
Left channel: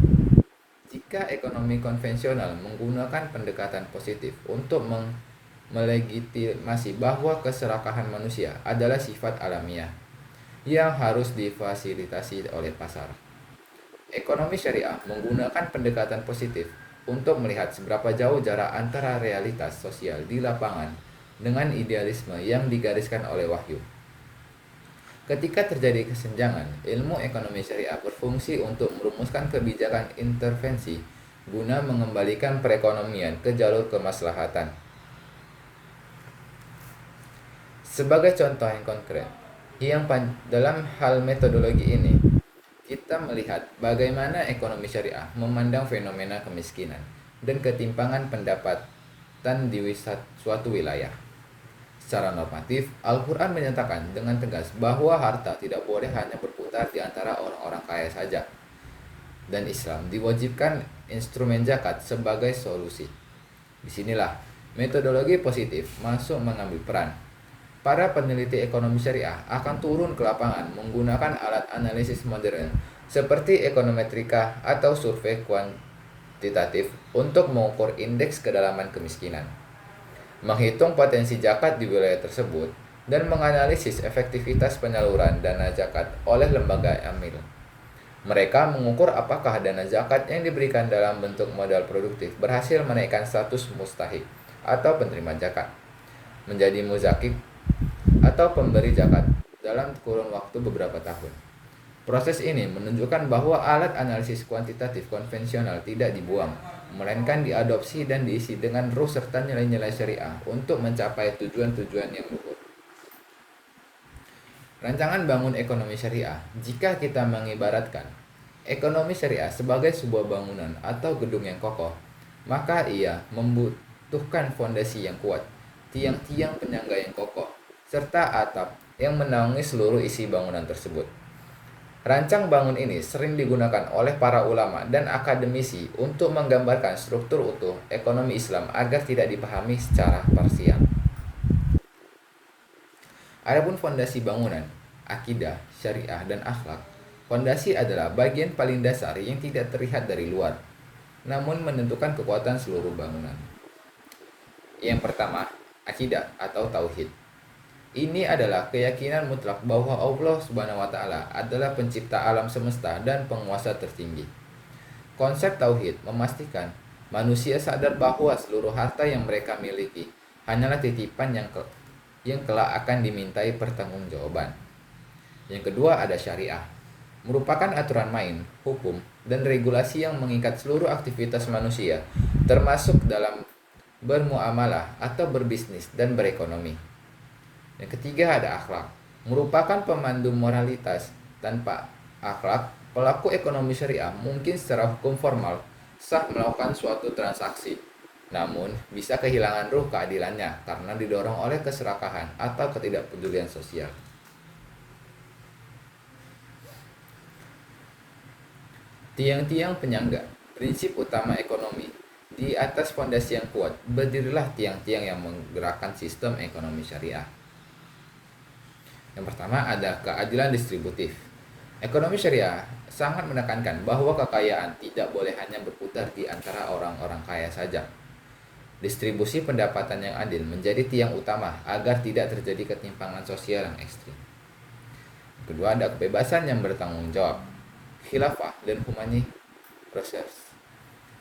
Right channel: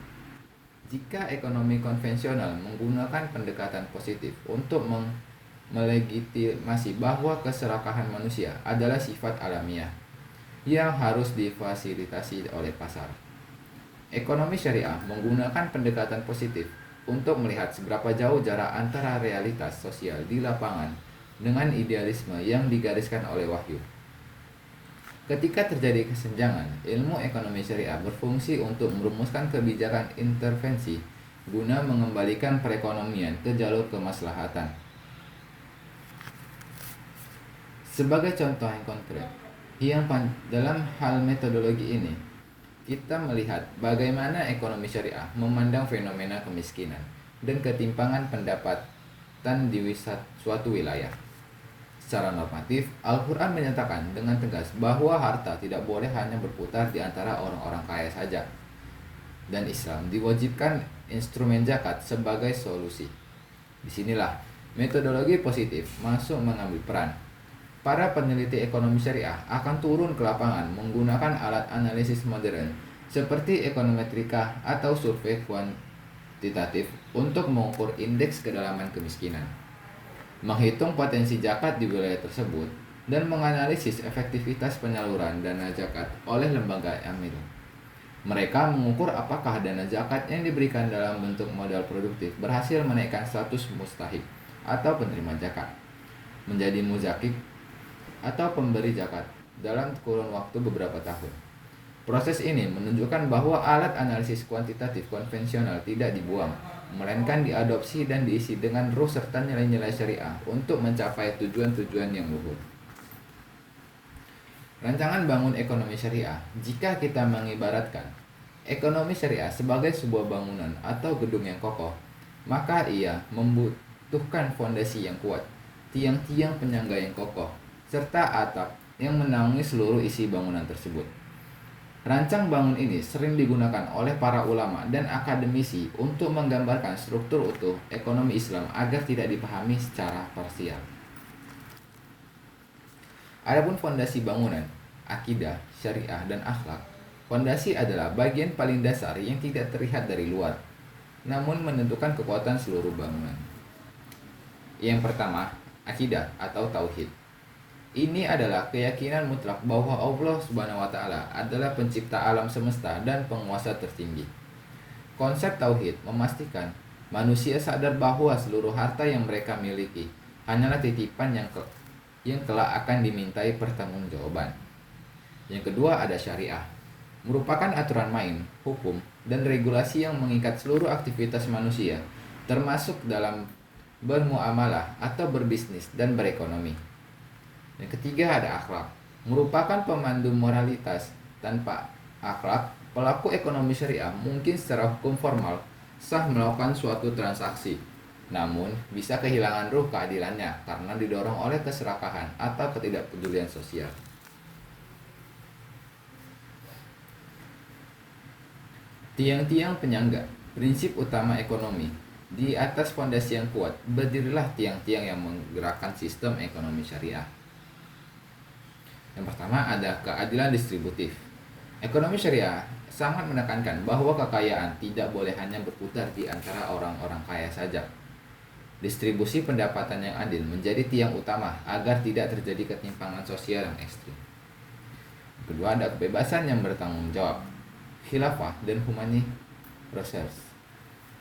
Jika ekonomi konvensional menggunakan pendekatan positif untuk melegitimasi bahwa keserakahan manusia adalah sifat alamiah yang harus difasilitasi oleh pasar, ekonomi syariah menggunakan pendekatan positif untuk melihat seberapa jauh jarak antara realitas sosial di lapangan dengan idealisme yang digariskan oleh wahyu. Ketika terjadi kesenjangan, ilmu ekonomi syariah berfungsi untuk merumuskan kebijakan intervensi guna mengembalikan perekonomian ke jalur kemaslahatan. Sebagai contoh yang konkret, dalam hal metodologi ini, kita melihat bagaimana ekonomi syariah memandang fenomena kemiskinan dan ketimpangan pendapatan di suatu wilayah. Secara normatif, Al-Quran menyatakan dengan tegas bahwa harta tidak boleh hanya berputar di antara orang-orang kaya saja, dan Islam diwajibkan instrumen zakat sebagai solusi. Disinilah metodologi positif masuk mengambil peran. Para peneliti ekonomi syariah akan turun ke lapangan menggunakan alat analisis modern seperti ekonometrika atau survei kuantitatif untuk mengukur indeks kedalaman kemiskinan, menghitung potensi zakat di wilayah tersebut, dan menganalisis efektivitas penyaluran dana zakat oleh lembaga amil. Mereka mengukur apakah dana zakat yang diberikan dalam bentuk modal produktif berhasil menaikkan status mustahik atau penerima zakat menjadi muzakib atau pemberi zakat dalam kurun waktu beberapa tahun. Proses ini menunjukkan bahwa alat analisis kuantitatif konvensional tidak dibuang, melainkan diadopsi dan diisi dengan ruh serta nilai-nilai syariah untuk mencapai tujuan-tujuan yang luhur. Rancangan bangun ekonomi syariah, jika kita mengibaratkan ekonomi syariah sebagai sebuah bangunan atau gedung yang kokoh, maka ia membutuhkan fondasi yang kuat, tiang-tiang penyangga yang kokoh, serta atap yang menaungi seluruh isi bangunan tersebut. Rancang bangun ini sering digunakan oleh para ulama dan akademisi untuk menggambarkan struktur utuh ekonomi Islam agar tidak dipahami secara parsial. Adapun fondasi bangunan, akidah, syariah, dan akhlak. Fondasi adalah bagian paling dasar yang tidak terlihat dari luar, namun menentukan kekuatan seluruh bangunan. Yang pertama, akidah atau tauhid. Ini adalah keyakinan mutlak bahwa Allah Subhanahu wa taala adalah pencipta alam semesta dan penguasa tertinggi. Konsep tauhid memastikan manusia sadar bahwa seluruh harta yang mereka miliki hanyalah titipan yang kelak akan dimintai pertanggungjawaban. Yang kedua ada syariah, merupakan aturan main, hukum, dan regulasi yang mengikat seluruh aktivitas manusia, termasuk dalam bermuamalah atau berbisnis dan berekonomi. Yang ketiga ada akhlak, merupakan pemandu moralitas. Tanpa akhlak, pelaku ekonomi syariah mungkin secara hukum formal sah melakukan suatu transaksi, namun bisa kehilangan ruh keadilannya karena didorong oleh keserakahan atau ketidakpedulian sosial. Tiang-tiang penyangga, prinsip utama ekonomi. Di atas fondasi yang kuat, berdirilah tiang-tiang yang menggerakkan sistem ekonomi syariah. Yang pertama ada keadilan distributif. Ekonomi syariah sangat menekankan bahwa kekayaan tidak boleh hanya berputar di antara orang-orang kaya saja. Distribusi pendapatan yang adil menjadi tiang utama agar tidak terjadi ketimpangan sosial yang ekstrim. Kedua ada kebebasan yang bertanggung jawab, khilafah dan humani reserve.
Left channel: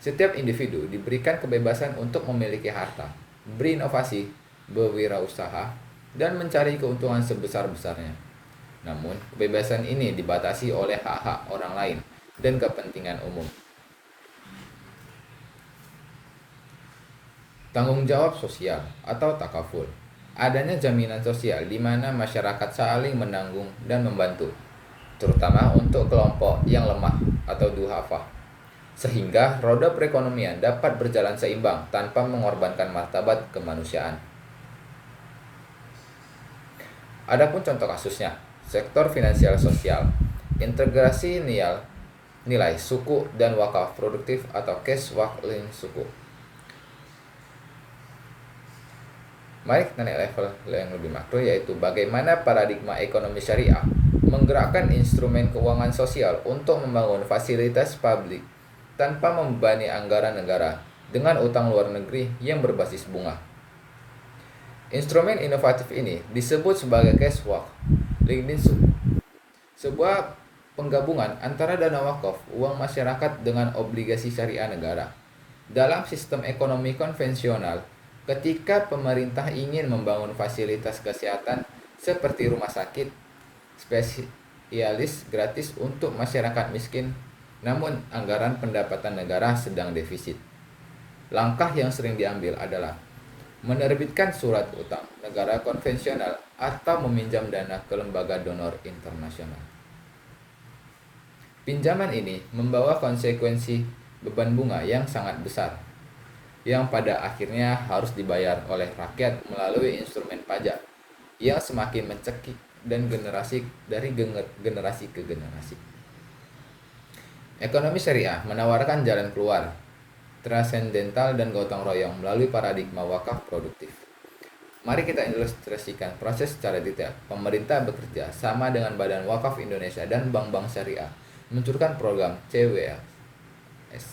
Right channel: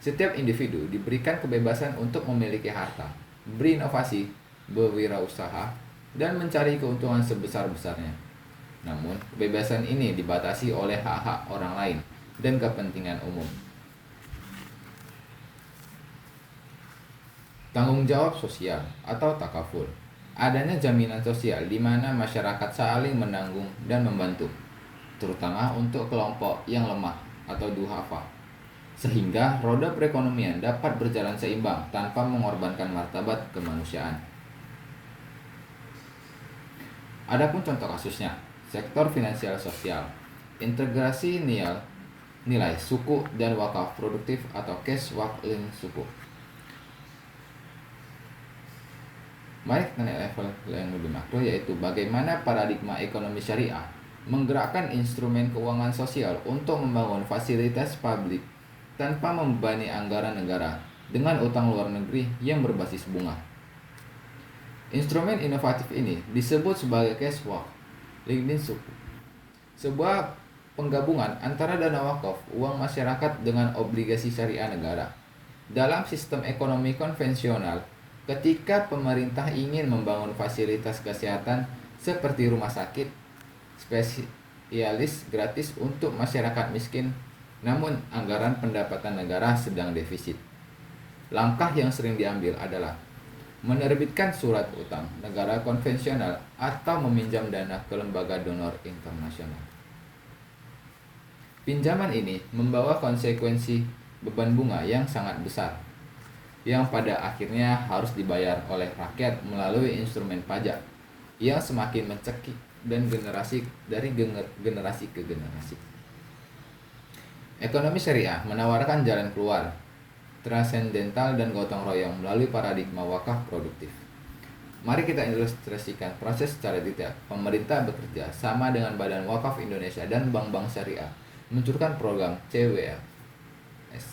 Setiap individu diberikan kebebasan untuk memiliki harta, berinovasi, berwirausaha, dan mencari keuntungan sebesar-besarnya. Namun, kebebasan ini dibatasi oleh hak-hak orang lain dan kepentingan umum. Tanggung jawab sosial atau takaful. Adanya jaminan sosial di mana masyarakat saling menanggung dan membantu, terutama untuk kelompok yang lemah atau duhafa, sehingga roda perekonomian dapat berjalan seimbang tanpa mengorbankan martabat kemanusiaan. Adapun contoh kasusnya, sektor finansial sosial, integrasi nilai suku dan wakaf produktif atau cash wakling suku. Mari kita naik level yang lebih makro, yaitu bagaimana paradigma ekonomi syariah menggerakkan instrumen keuangan sosial untuk membangun fasilitas publik tanpa membebani anggaran negara dengan utang luar negeri yang berbasis bunga. Instrumen inovatif ini disebut sebagai cash wakling suku, sebuah penggabungan antara dana wakaf, uang masyarakat dengan obligasi syariah negara. Dalam sistem ekonomi konvensional, ketika pemerintah ingin membangun fasilitas kesehatan seperti rumah sakit spesialis gratis untuk masyarakat miskin, namun anggaran pendapatan negara sedang defisit, langkah yang sering diambil adalah menerbitkan surat utang negara konvensional atau meminjam dana ke lembaga donor internasional. Pinjaman ini membawa konsekuensi beban bunga yang sangat besar, yang pada akhirnya harus dibayar oleh rakyat melalui instrumen pajak yang semakin mencekik dan generasi ke generasi. Ekonomi syariah menawarkan jalan keluar transendental dan gotong royong melalui paradigma wakaf produktif. Mari kita ilustrasikan proses secara detail. Pemerintah bekerja sama dengan Badan Wakaf Indonesia dan bank-bank syariah meluncurkan program CWS,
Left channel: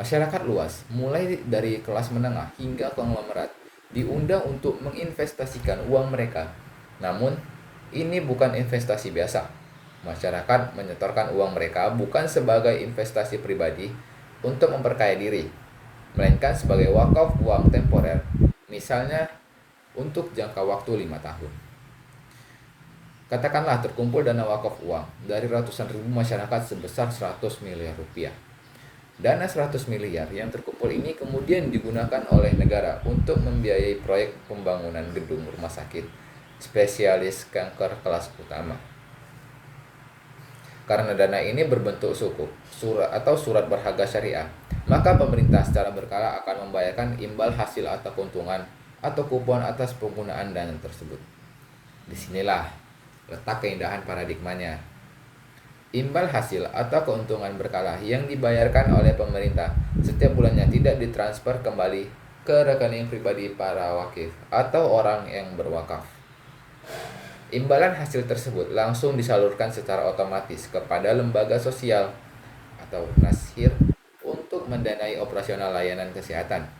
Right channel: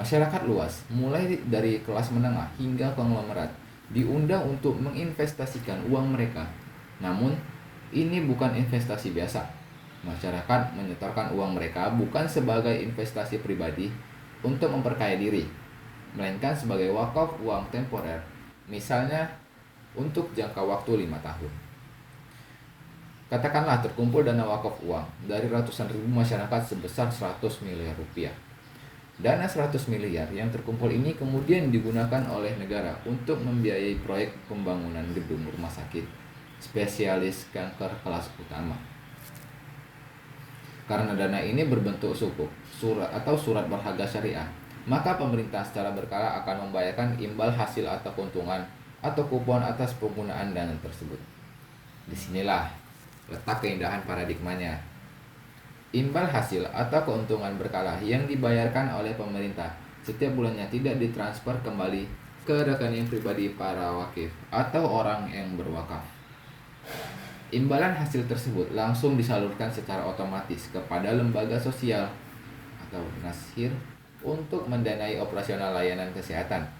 Masyarakat luas, mulai dari kelas menengah hingga konglomerat, diundang untuk menginvestasikan uang mereka. Namun, ini bukan investasi biasa. Masyarakat menyetorkan uang mereka bukan sebagai investasi pribadi untuk memperkaya diri, melainkan sebagai wakaf uang temporer, misalnya untuk jangka waktu 5 tahun. Katakanlah terkumpul dana wakaf uang dari ratusan ribu masyarakat sebesar 100 miliar rupiah. Dana 100 miliar yang terkumpul ini kemudian digunakan oleh negara untuk membiayai proyek pembangunan gedung rumah sakit spesialis kanker kelas utama. Karena dana ini berbentuk suku, surat atau surat berharga syariah, maka pemerintah secara berkala akan membayarkan imbal hasil atau keuntungan atau kupon atas penggunaan dana tersebut. Disinilah letak keindahan paradigmanya. Imbal hasil atau keuntungan berkala yang dibayarkan oleh pemerintah setiap bulannya tidak ditransfer kembali ke rekening pribadi para wakif atau orang yang berwakaf. Imbalan hasil tersebut langsung disalurkan secara otomatis kepada lembaga sosial atau nasir untuk mendanai operasional layanan kesehatan,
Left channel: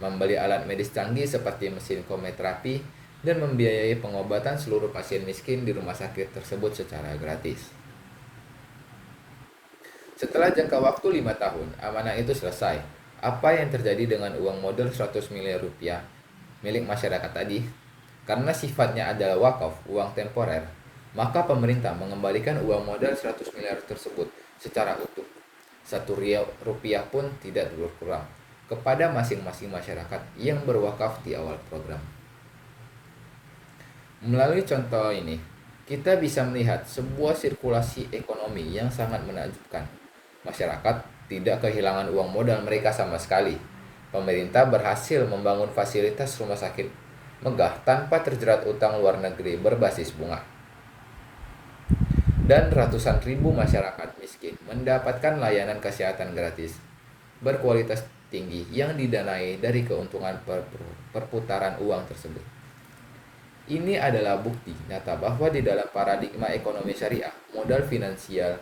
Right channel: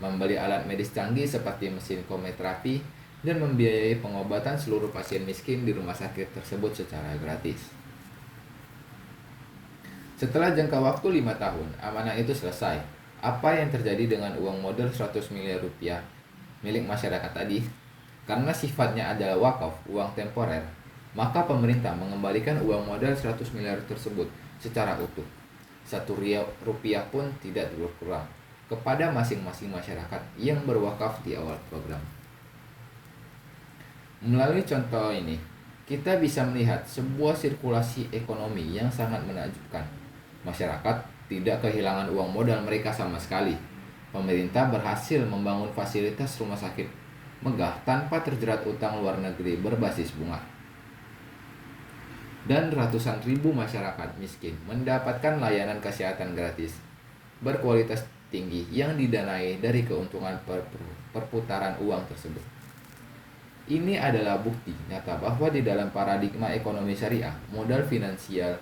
membeli alat medis canggih seperti mesin kemoterapi, dan membiayai pengobatan seluruh pasien miskin di rumah sakit tersebut secara gratis. Setelah jangka waktu 5 tahun, amanah itu selesai. Apa yang terjadi dengan uang modal 100 miliar rupiah milik masyarakat tadi? Karena sifatnya adalah wakaf, uang temporer, maka pemerintah mengembalikan uang modal 100 miliar tersebut secara utuh. 1 rupiah pun tidak berkurang kepada masing-masing masyarakat yang berwakaf di awal program. Melalui contoh ini, kita bisa melihat sebuah sirkulasi ekonomi yang sangat menakjubkan. Masyarakat tidak kehilangan uang modal mereka sama sekali. Pemerintah berhasil membangun fasilitas rumah sakit megah tanpa terjerat utang luar negeri berbasis bunga. Dan ratusan ribu masyarakat miskin mendapatkan layanan kesehatan gratis berkualitas tinggi yang didanai dari keuntungan perputaran uang tersebut. Ini adalah bukti nyata bahwa di dalam paradigma ekonomi syariah, modal finansial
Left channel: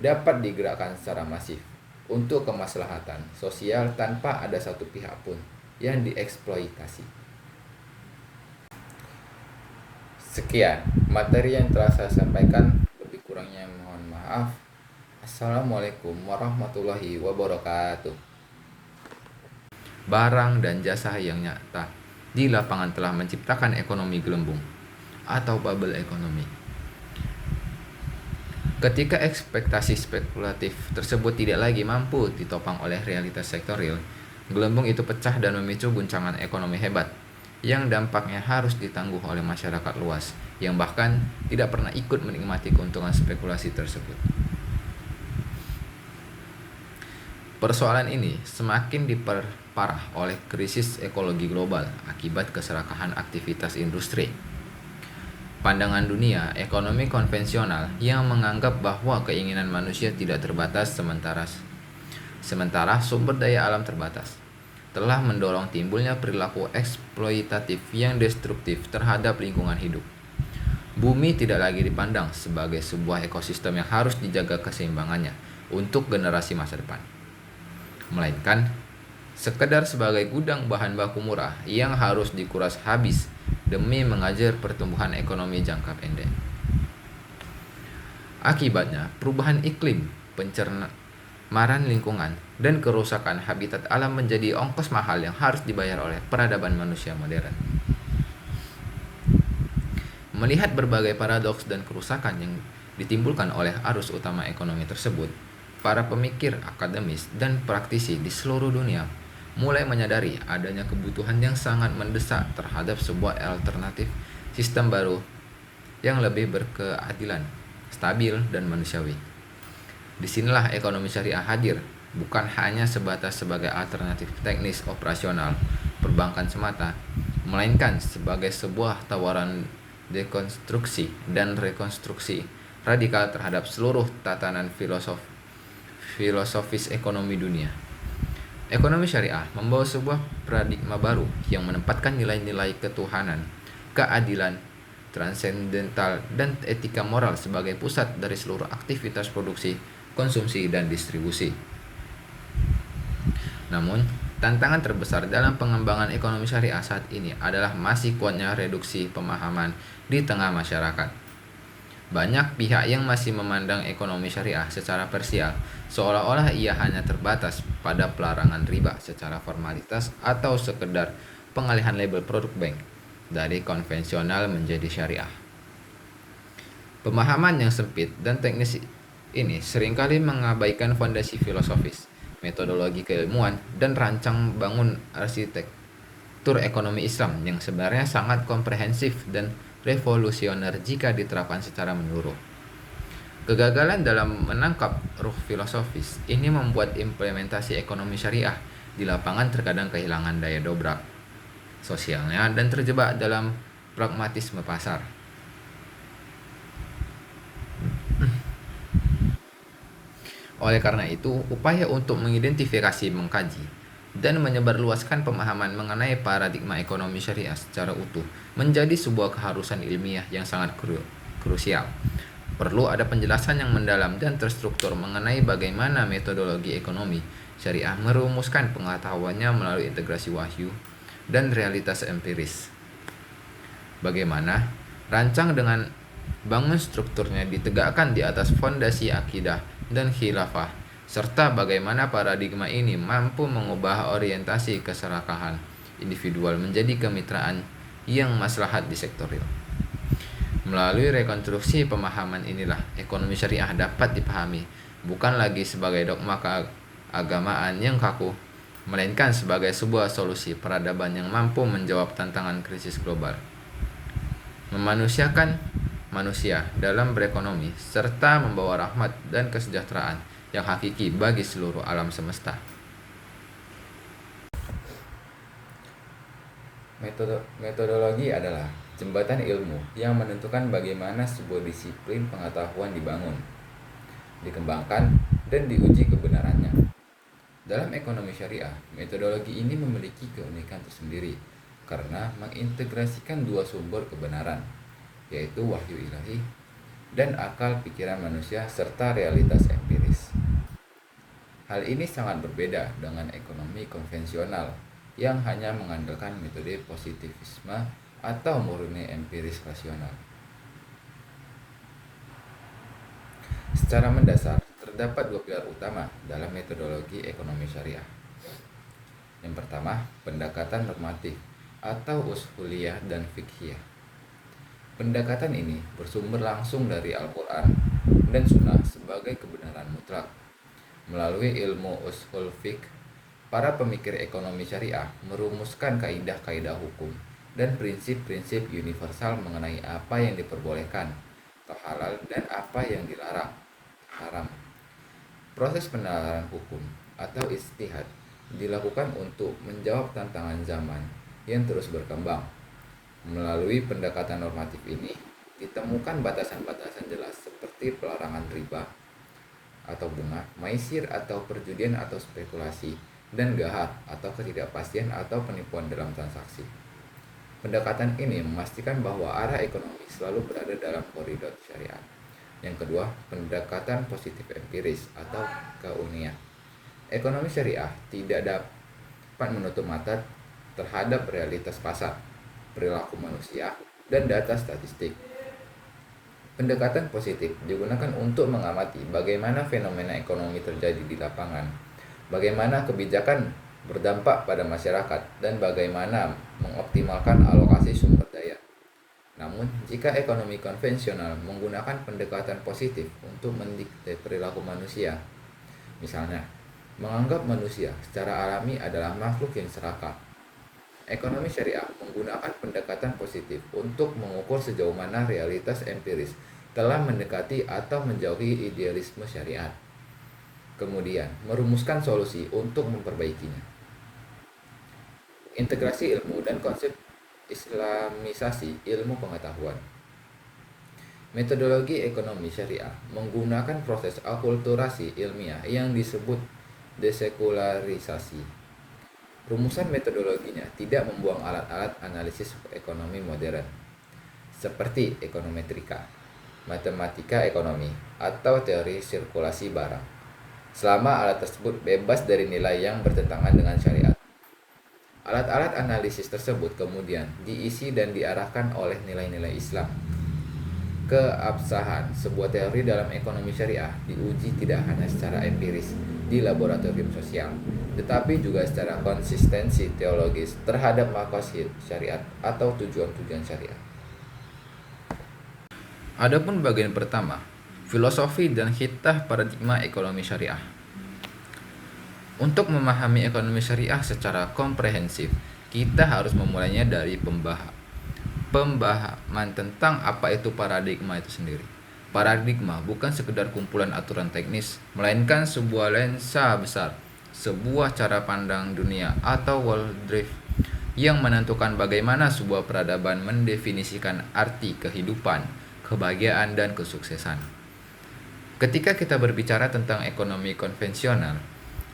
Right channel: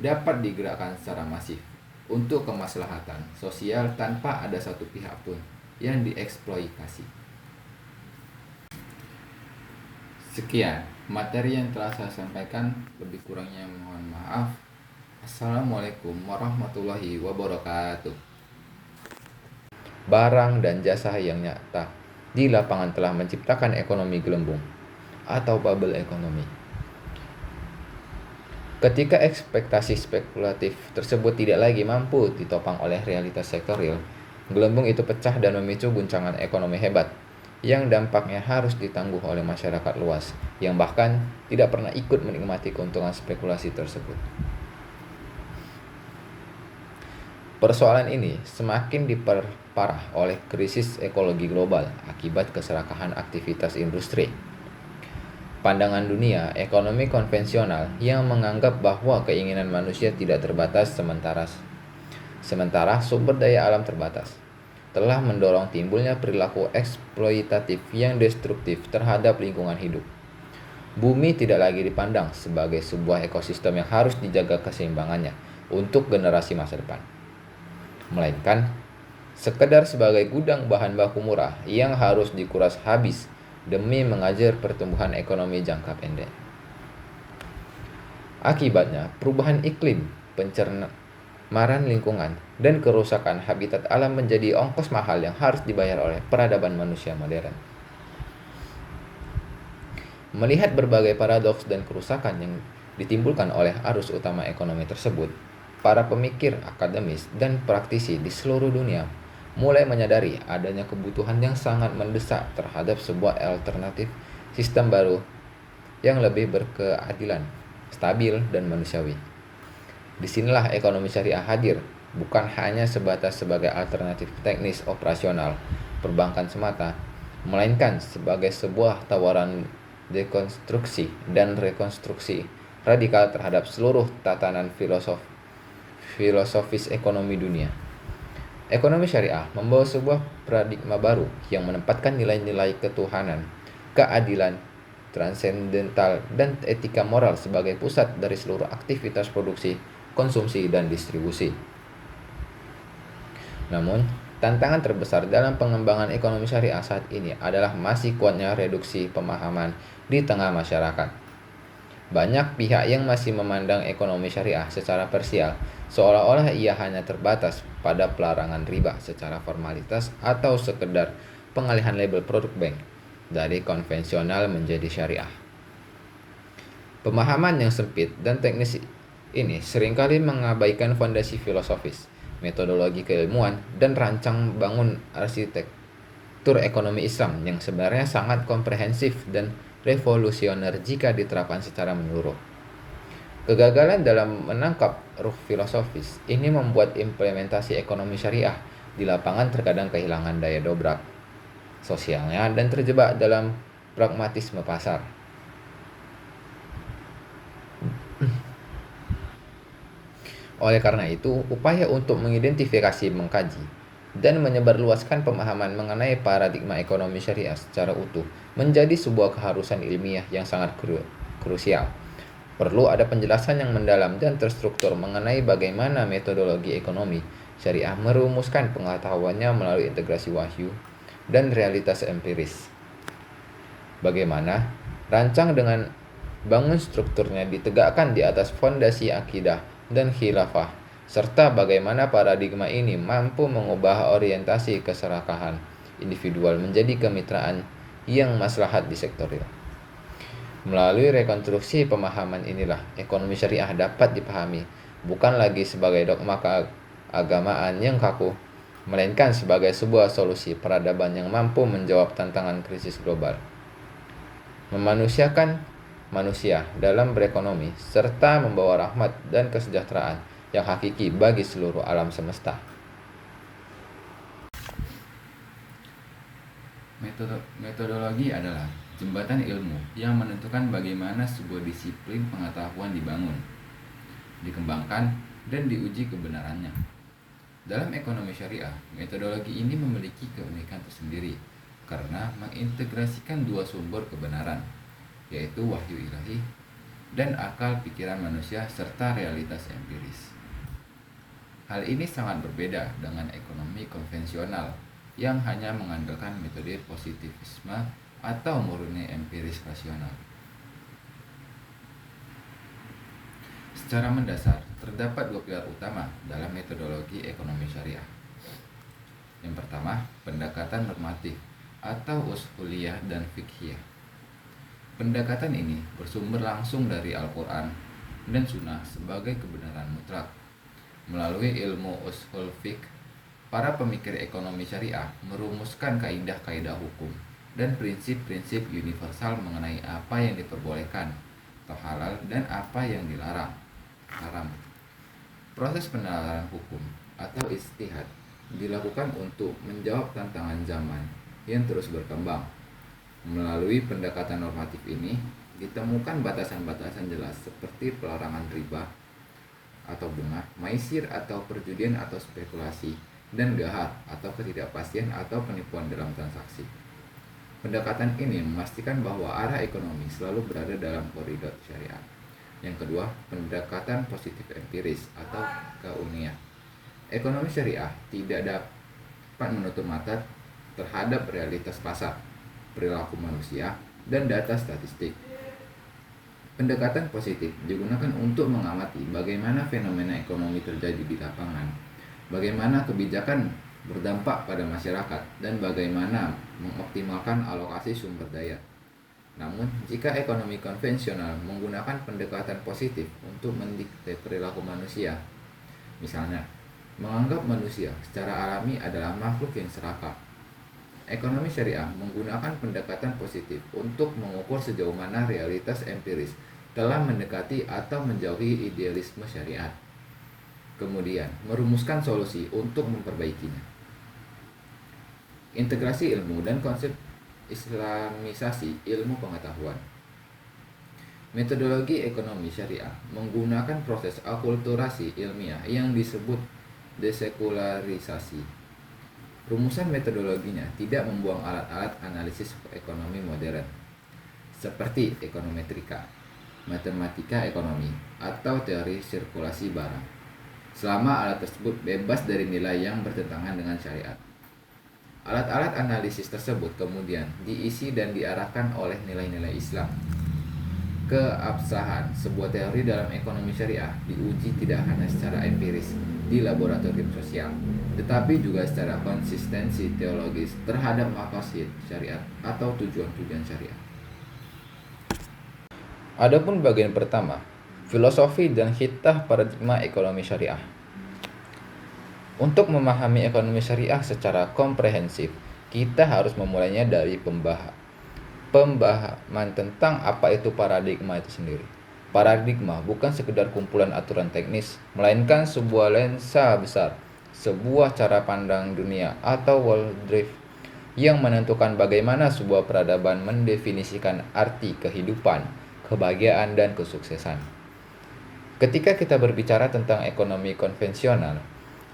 dapat digerakkan secara masif untuk kemaslahatan sosial tanpa ada satu pihak pun yang dieksploitasi. Sekian materi yang telah saya sampaikan, lebih kurangnya mohon maaf. Assalamualaikum warahmatullahi wabarakatuh. Barang dan jasa yang nyata di lapangan telah menciptakan ekonomi gelembung atau bubble ekonomi. Ketika ekspektasi spekulatif tersebut tidak lagi mampu ditopang oleh realitas sektor real, gelembung itu pecah dan memicu guncangan ekonomi hebat yang dampaknya harus ditangguh oleh masyarakat luas yang bahkan tidak pernah ikut menikmati keuntungan spekulasi tersebut. Persoalan ini semakin diperparah oleh krisis ekologi global akibat keserakahan aktivitas industri. Pandangan dunia ekonomi konvensional yang menganggap bahwa keinginan manusia tidak terbatas sementara sumber daya alam terbatas, telah mendorong timbulnya perilaku eksploitatif yang destruktif terhadap lingkungan hidup. Bumi tidak lagi dipandang sebagai sebuah ekosistem yang harus dijaga keseimbangannya untuk generasi masa depan, melainkan sekedar sebagai gudang bahan baku murah yang harus dikuras habis demi mengajar pertumbuhan ekonomi jangka pendek. Akibatnya, perubahan iklim, pencemaran lingkungan, dan kerusakan habitat alam menjadi ongkos mahal yang harus dibayar oleh peradaban manusia modern. Melihat berbagai paradoks dan kerusakan yang ditimbulkan oleh arus utama ekonomi tersebut, para pemikir akademis dan praktisi di seluruh dunia mulai menyadari adanya kebutuhan yang sangat mendesak terhadap sebuah alternatif sistem baru yang lebih berkeadilan, stabil, dan manusiawi. Disinilah ekonomi syariah hadir, bukan hanya sebatas sebagai alternatif teknis operasional perbankan semata, melainkan sebagai sebuah tawaran dekonstruksi dan rekonstruksi radikal terhadap seluruh tatanan filosofis ekonomi dunia. Ekonomi syariah membawa sebuah paradigma baru yang menempatkan nilai-nilai ketuhanan, keadilan, transendental, dan etika moral sebagai pusat dari seluruh aktivitas produksi, konsumsi, dan distribusi. Namun, tantangan terbesar dalam pengembangan ekonomi syariah saat ini adalah masih kuatnya reduksi pemahaman di tengah masyarakat. Banyak pihak yang masih memandang ekonomi syariah secara parsial, seolah-olah ia hanya terbatas pada pelarangan riba secara formalitas atau sekedar pengalihan label produk bank dari konvensional menjadi syariah. Pemahaman yang sempit dan teknis ini seringkali mengabaikan fondasi filosofis, metodologi keilmuan, dan rancang bangun arsitektur ekonomi Islam yang sebenarnya sangat komprehensif dan revolusioner jika diterapkan secara menyeluruh. Kegagalan dalam menangkap ruh filosofis ini membuat implementasi ekonomi syariah di lapangan terkadang kehilangan daya dobrak sosialnya dan terjebak dalam pragmatisme pasar. Oleh karena itu, upaya untuk mengidentifikasi, mengkaji, dan menyebarluaskan pemahaman mengenai paradigma ekonomi syariah secara utuh menjadi sebuah keharusan ilmiah yang sangat krusial. Perlu ada penjelasan yang mendalam dan terstruktur mengenai bagaimana metodologi ekonomi syariah merumuskan pengetahuannya melalui integrasi wahyu dan realitas empiris. Bagaimana rancang dengan bangun strukturnya ditegakkan di atas fondasi akidah dan khilafah, serta bagaimana paradigma ini mampu mengubah orientasi keserakahan individual menjadi kemitraan yang maslahat di sektor real. Melalui rekonstruksi pemahaman inilah ekonomi syariah dapat dipahami bukan lagi sebagai dogma keagamaan yang kaku, melainkan sebagai sebuah solusi peradaban yang mampu menjawab tantangan krisis global, memanusiakan manusia dalam berekonomi, serta membawa rahmat dan kesejahteraan yang hakiki bagi seluruh alam semesta. Metodologi adalah jembatan ilmu yang menentukan bagaimana sebuah disiplin pengetahuan dibangun, dikembangkan, dan diuji kebenarannya. Dalam ekonomi syariah, metodologi ini memiliki keunikan tersendiri karena mengintegrasikan dua sumber kebenaran, yaitu wahyu ilahi dan akal pikiran manusia serta realitas empiris. Hal ini sangat berbeda dengan ekonomi konvensional yang hanya mengandalkan metode positivisme atau murni empiris rasional. Secara mendasar, terdapat dua pilar utama dalam metodologi ekonomi syariah. Yang pertama, pendekatan normatif atau usuliyah dan fiqhiyah. Pendekatan ini bersumber langsung dari Al-Quran dan Sunnah sebagai kebenaran mutlak. Melalui ilmu usul fiqh, para pemikir ekonomi syariah merumuskan kaidah-kaidah hukum dan prinsip-prinsip universal mengenai apa yang diperbolehkan atau halal dan apa yang dilarang haram. Proses penalaran hukum atau ijtihad dilakukan untuk menjawab tantangan zaman yang terus berkembang. Melalui pendekatan normatif ini ditemukan batasan-batasan jelas seperti pelarangan riba atau bunga, maisir atau perjudian atau spekulasi, dan gahar atau ketidakpastian atau penipuan dalam transaksi. Pendekatan ini memastikan bahwa arah ekonomi selalu berada dalam koridor syariat. Yang kedua, pendekatan positif empiris atau keilmiah. Ekonomi syariah tidak dapat menutup mata terhadap realitas pasar, perilaku manusia, dan data statistik. Pendekatan positif digunakan untuk mengamati bagaimana fenomena ekonomi terjadi di lapangan, bagaimana kebijakan berdampak pada masyarakat, dan bagaimana mengoptimalkan alokasi sumber daya. Namun, jika ekonomi konvensional menggunakan pendekatan positif untuk mendikte perilaku manusia, misalnya, menganggap manusia secara alami adalah makhluk yang serakah, ekonomi syariah menggunakan pendekatan positif untuk mengukur sejauh mana realitas empiris telah mendekati atau menjauhi idealisme syariat, kemudian merumuskan solusi untuk memperbaikinya. Integrasi ilmu dan konsep islamisasi ilmu pengetahuan. Metodologi ekonomi syariah menggunakan proses akulturasi ilmiah yang disebut desekularisasi. Rumusan metodologinya tidak membuang alat-alat analisis ekonomi modern seperti ekonometrika, matematika ekonomi, atau teori sirkulasi barang. selama alat tersebut bebas dari nilai yang bertentangan dengan syariat. Alat-alat analisis tersebut kemudian diisi dan diarahkan oleh nilai-nilai Islam. Keabsahan sebuah teori dalam ekonomi syariah diuji tidak hanya secara empiris di laboratorium sosial, tetapi juga secara konsistensi teologis terhadap maqasid syariat atau tujuan-tujuan syariat. Adapun bagian pertama, filosofi dan hitah paradigma ekonomi syariah. Untuk memahami ekonomi syariah secara komprehensif, kita harus memulainya dari pemahaman tentang apa itu paradigma itu sendiri. Paradigma bukan sekedar kumpulan aturan teknis, melainkan sebuah lensa besar, sebuah cara pandang dunia atau worldview yang menentukan bagaimana sebuah peradaban mendefinisikan arti kehidupan, kebahagiaan, dan kesuksesan. Ketika kita berbicara tentang ekonomi konvensional,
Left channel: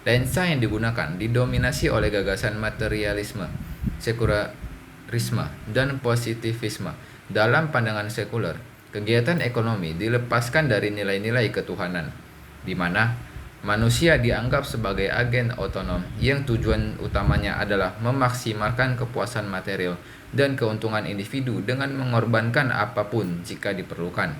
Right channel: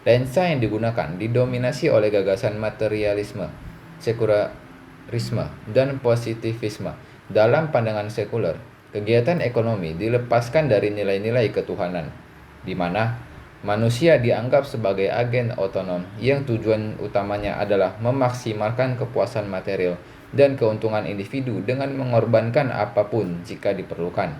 lensa yang digunakan didominasi oleh gagasan materialisme, sekularisme, dan positivisme. Dalam pandangan sekuler, kegiatan ekonomi dilepaskan dari nilai-nilai ketuhanan, di mana manusia dianggap sebagai agen otonom yang tujuan utamanya adalah memaksimalkan kepuasan material dan keuntungan individu dengan mengorbankan apapun jika diperlukan.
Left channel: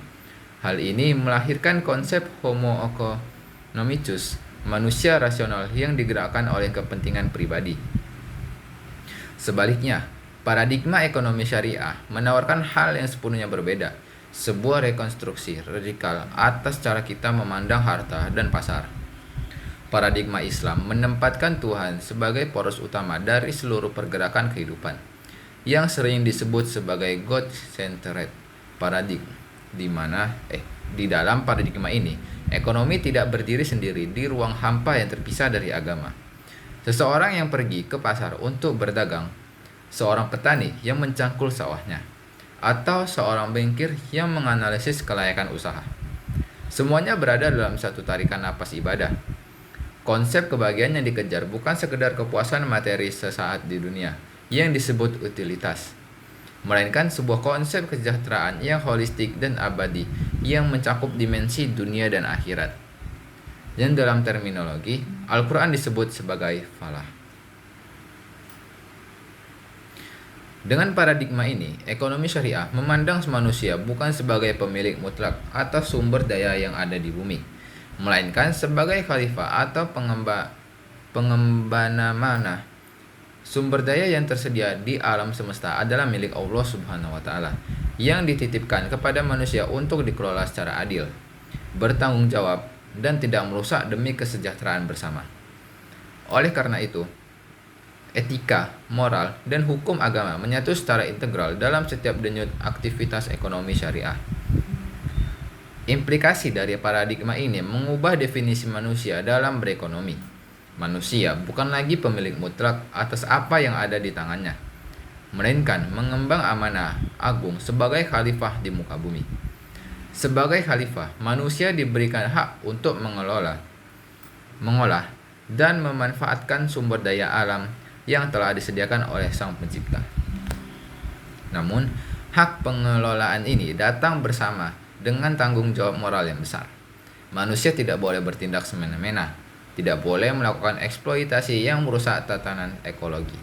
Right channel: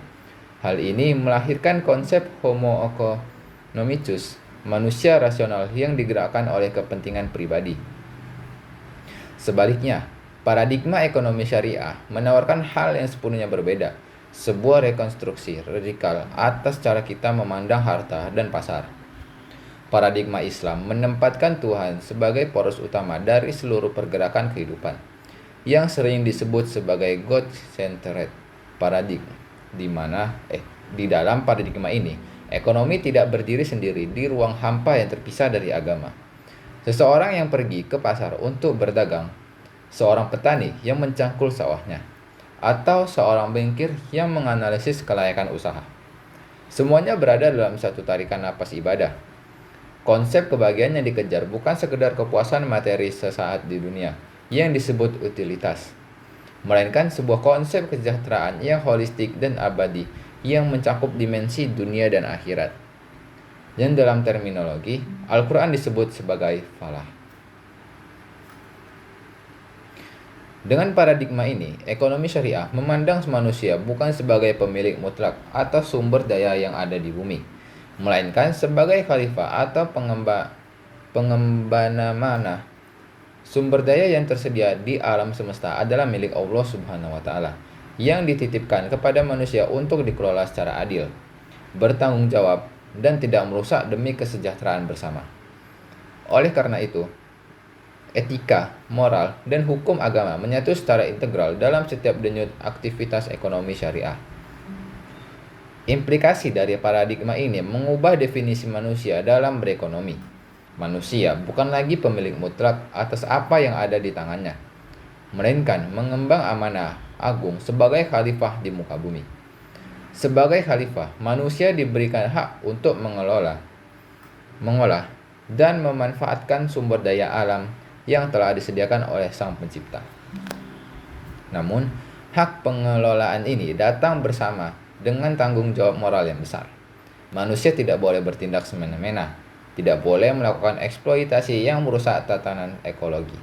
Hal ini melahirkan konsep homo economicus, manusia rasional yang digerakkan oleh kepentingan pribadi. Sebaliknya, paradigma ekonomi syariah menawarkan hal yang sepenuhnya berbeda, sebuah rekonstruksi radikal atas cara kita memandang harta dan pasar. Paradigma Islam menempatkan Tuhan sebagai poros utama dari seluruh pergerakan kehidupan, yang sering disebut sebagai God-centered paradigm, di dalam paradigma ini, ekonomi tidak berdiri sendiri di ruang hampa yang terpisah dari agama. Seseorang yang pergi ke pasar untuk berdagang, seorang petani yang mencangkul sawahnya, atau seorang bankir yang menganalisis kelayakan usaha. Semuanya berada dalam satu tarikan napas ibadah. Konsep kebahagiaan yang dikejar bukan sekedar kepuasan materi sesaat di dunia yang disebut utilitas, melainkan sebuah konsep kesejahteraan yang holistik dan abadi yang mencakup dimensi dunia dan akhirat, yang dalam terminologi Al-Quran disebut sebagai falah. Dengan paradigma ini, ekonomi syariah memandang manusia bukan sebagai pemilik mutlak atas sumber daya yang ada di bumi, melainkan sebagai khalifah atau pengembana mana. Sumber daya yang tersedia di alam semesta adalah milik Allah Subhanahu wa Ta'ala, yang dititipkan kepada manusia untuk dikelola secara adil, bertanggung jawab, dan tidak merusak demi kesejahteraan bersama. Oleh karena itu, etika, moral, dan hukum agama menyatu secara integral dalam setiap denyut aktivitas ekonomi syariah. Implikasi dari paradigma ini mengubah definisi manusia dalam berekonomi. Manusia bukan lagi pemilik mutlak atas apa yang ada di tangannya, melainkan mengemban amanah agung sebagai khalifah di muka bumi. Sebagai khalifah, manusia diberikan hak untuk mengolah, dan memanfaatkan sumber daya alam yang telah disediakan oleh Sang Pencipta. Namun, hak pengelolaan ini datang bersama dengan tanggung jawab moral yang besar. Manusia tidak boleh bertindak semena-mena, tidak boleh melakukan eksploitasi yang merusak tatanan ekologi,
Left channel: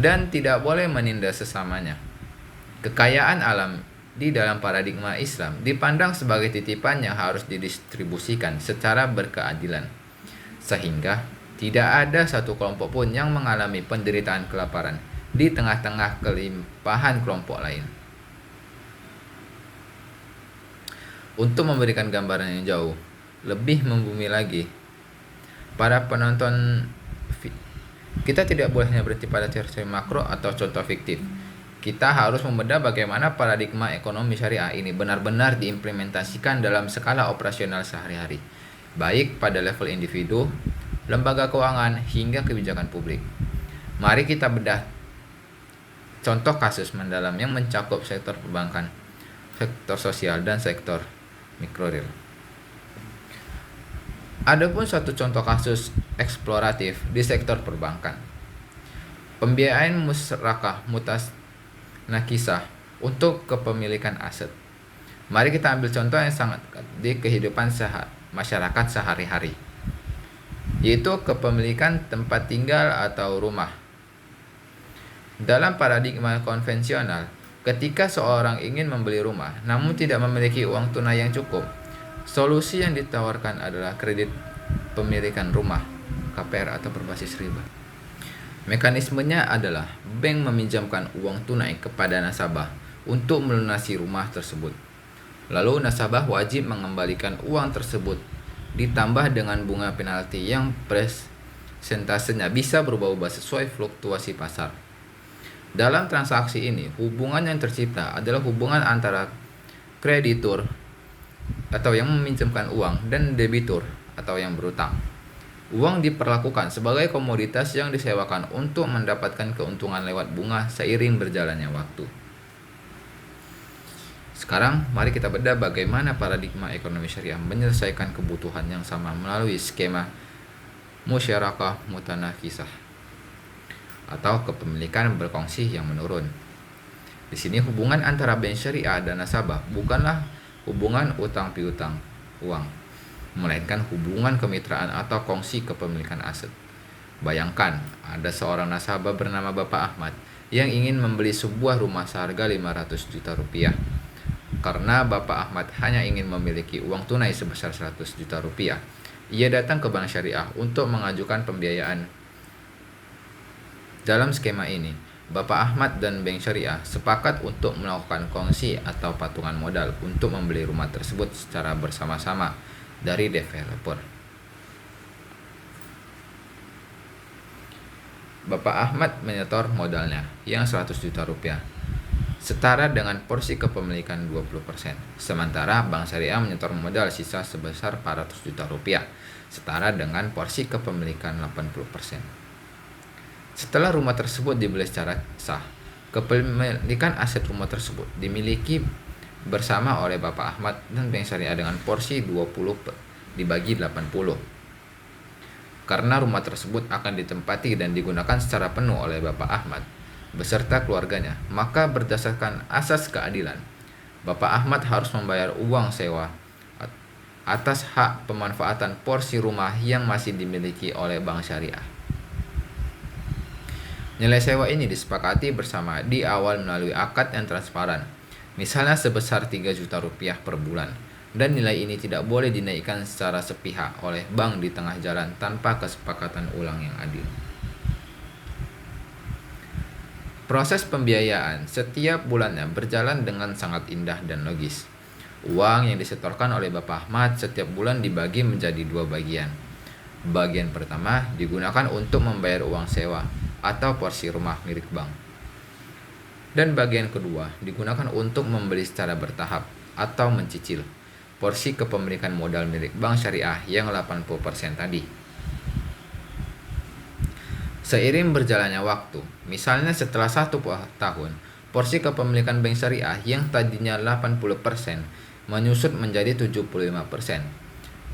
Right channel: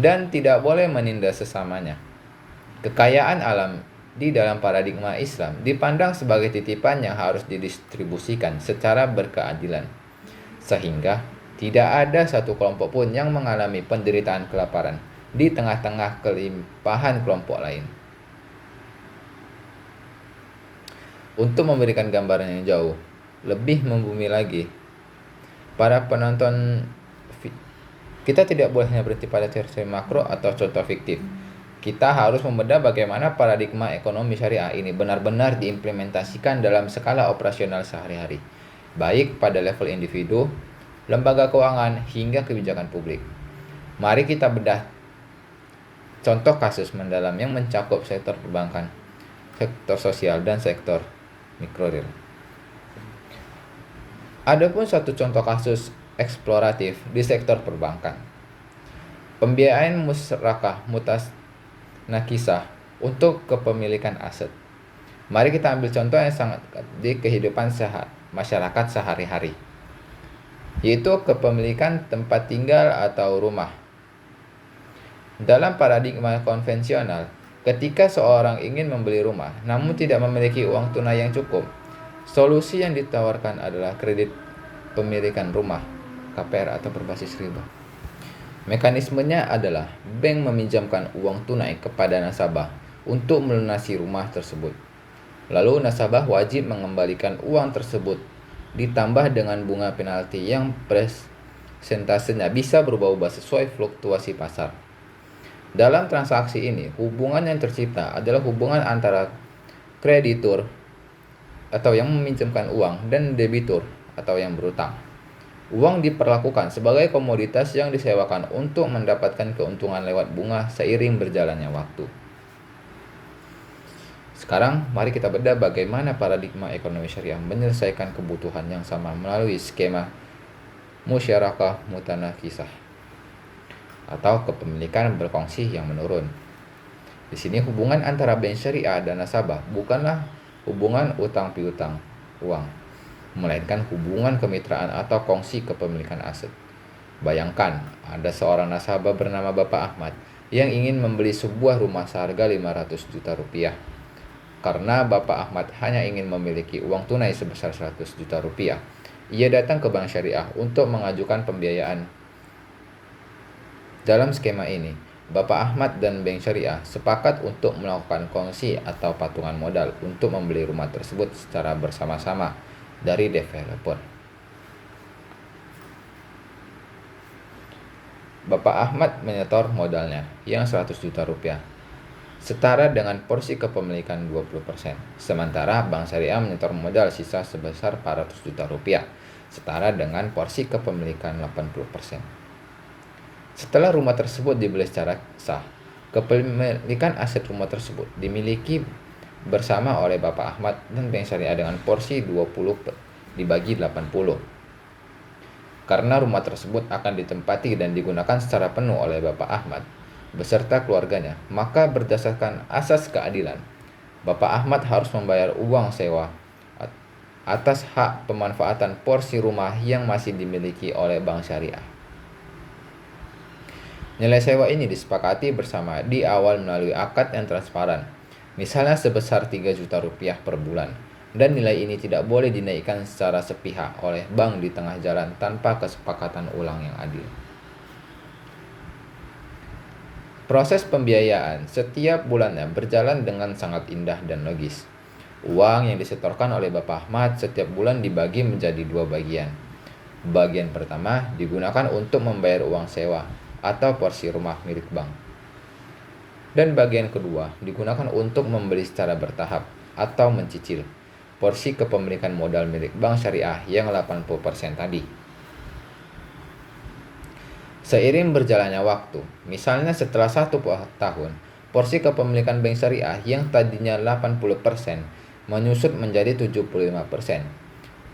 dan tidak boleh menindas sesamanya. Kekayaan alam di dalam paradigma Islam dipandang sebagai titipan yang harus didistribusikan secara berkeadilan, sehingga tidak ada satu kelompok pun yang mengalami penderitaan kelaparan di tengah-tengah kelimpahan kelompok lain. Untuk memberikan gambaran yang jauh lebih membumi lagi, para penonton, kita tidak boleh hanya berhenti pada teori makro atau contoh fiktif. Kita harus membedah bagaimana paradigma ekonomi syariah ini benar-benar diimplementasikan dalam skala operasional sehari-hari, baik pada level individu, lembaga keuangan, hingga kebijakan publik. Mari kita bedah contoh kasus mendalam yang mencakup sektor perbankan, sektor sosial, dan sektor mikroreal. Adapun suatu contoh kasus eksploratif di sektor perbankan, pembiayaan musyarakah mutanakisah untuk kepemilikan aset. Mari kita ambil contoh yang sangat di kehidupan masyarakat sehari-hari. yaitu kepemilikan tempat tinggal atau rumah. Dalam paradigma konvensional, ketika seorang ingin membeli rumah namun tidak memiliki uang tunai yang cukup, solusi yang ditawarkan adalah kredit pemilikan rumah (KPR) atau berbasis riba. Mekanismenya adalah bank meminjamkan uang tunai kepada nasabah untuk melunasi rumah tersebut. Lalu nasabah wajib mengembalikan uang tersebut ditambah dengan bunga penalti yang persentasenya bisa berubah-ubah sesuai fluktuasi pasar. Dalam transaksi ini, hubungan yang tercipta adalah hubungan antara kreditur atau yang meminjamkan uang dan debitur atau yang berutang. Uang diperlakukan sebagai komoditas yang disewakan untuk mendapatkan keuntungan lewat bunga seiring berjalannya waktu. Sekarang, mari kita bedah bagaimana paradigma ekonomi syariah menyelesaikan kebutuhan yang sama melalui skema musyarakah mutanakisah atau kepemilikan berkongsi yang menurun. Di sini hubungan antara bank syariah dan nasabah bukanlah hubungan utang piutang uang, melainkan hubungan kemitraan atau kongsi kepemilikan aset. Bayangkan, ada seorang nasabah bernama Bapak Ahmad yang ingin membeli sebuah rumah seharga 500 juta rupiah. Karena Bapak Ahmad hanya ingin memiliki uang tunai sebesar 100 juta rupiah, ia datang ke Bank Syariah untuk mengajukan pembiayaan. Dalam skema ini, Bapak Ahmad dan Bank Syariah sepakat untuk melakukan kongsi atau patungan modal untuk membeli rumah tersebut secara bersama-sama dari developer. Bapak Ahmad menyetor modalnya yang 100 juta rupiah, setara dengan porsi kepemilikan 20%. Sementara Bank Syariah menyetor modal sisa sebesar 400 juta rupiah, setara dengan porsi kepemilikan 80%. Setelah rumah tersebut dibeli secara sah, kepemilikan aset rumah tersebut dimiliki bersama oleh Bapak Ahmad dan Bank Syariah dengan porsi 20 dibagi 80. Karena rumah tersebut akan ditempati dan digunakan secara penuh oleh Bapak Ahmad beserta keluarganya, maka berdasarkan asas keadilan, Bapak Ahmad harus membayar uang sewa atas hak pemanfaatan porsi rumah yang masih dimiliki oleh Bank Syariah. Nilai sewa ini disepakati bersama di awal melalui akad yang transparan, misalnya sebesar 3 juta rupiah per bulan, dan nilai ini tidak boleh dinaikkan secara sepihak oleh bank di tengah jalan tanpa kesepakatan ulang yang adil. Proses pembiayaan setiap bulannya berjalan dengan sangat indah dan logis. Uang yang disetorkan oleh Bapak Ahmad setiap bulan dibagi menjadi 2 bagian. Bagian pertama digunakan untuk membayar uang sewa atau porsi rumah milik bank. Dan bagian kedua digunakan untuk membeli secara bertahap atau mencicil porsi kepemilikan modal milik Bank Syariah yang 80% tadi. Seiring berjalannya waktu, misalnya setelah 1 tahun, porsi kepemilikan Bank Syariah yang tadinya 80% menyusut menjadi 75%.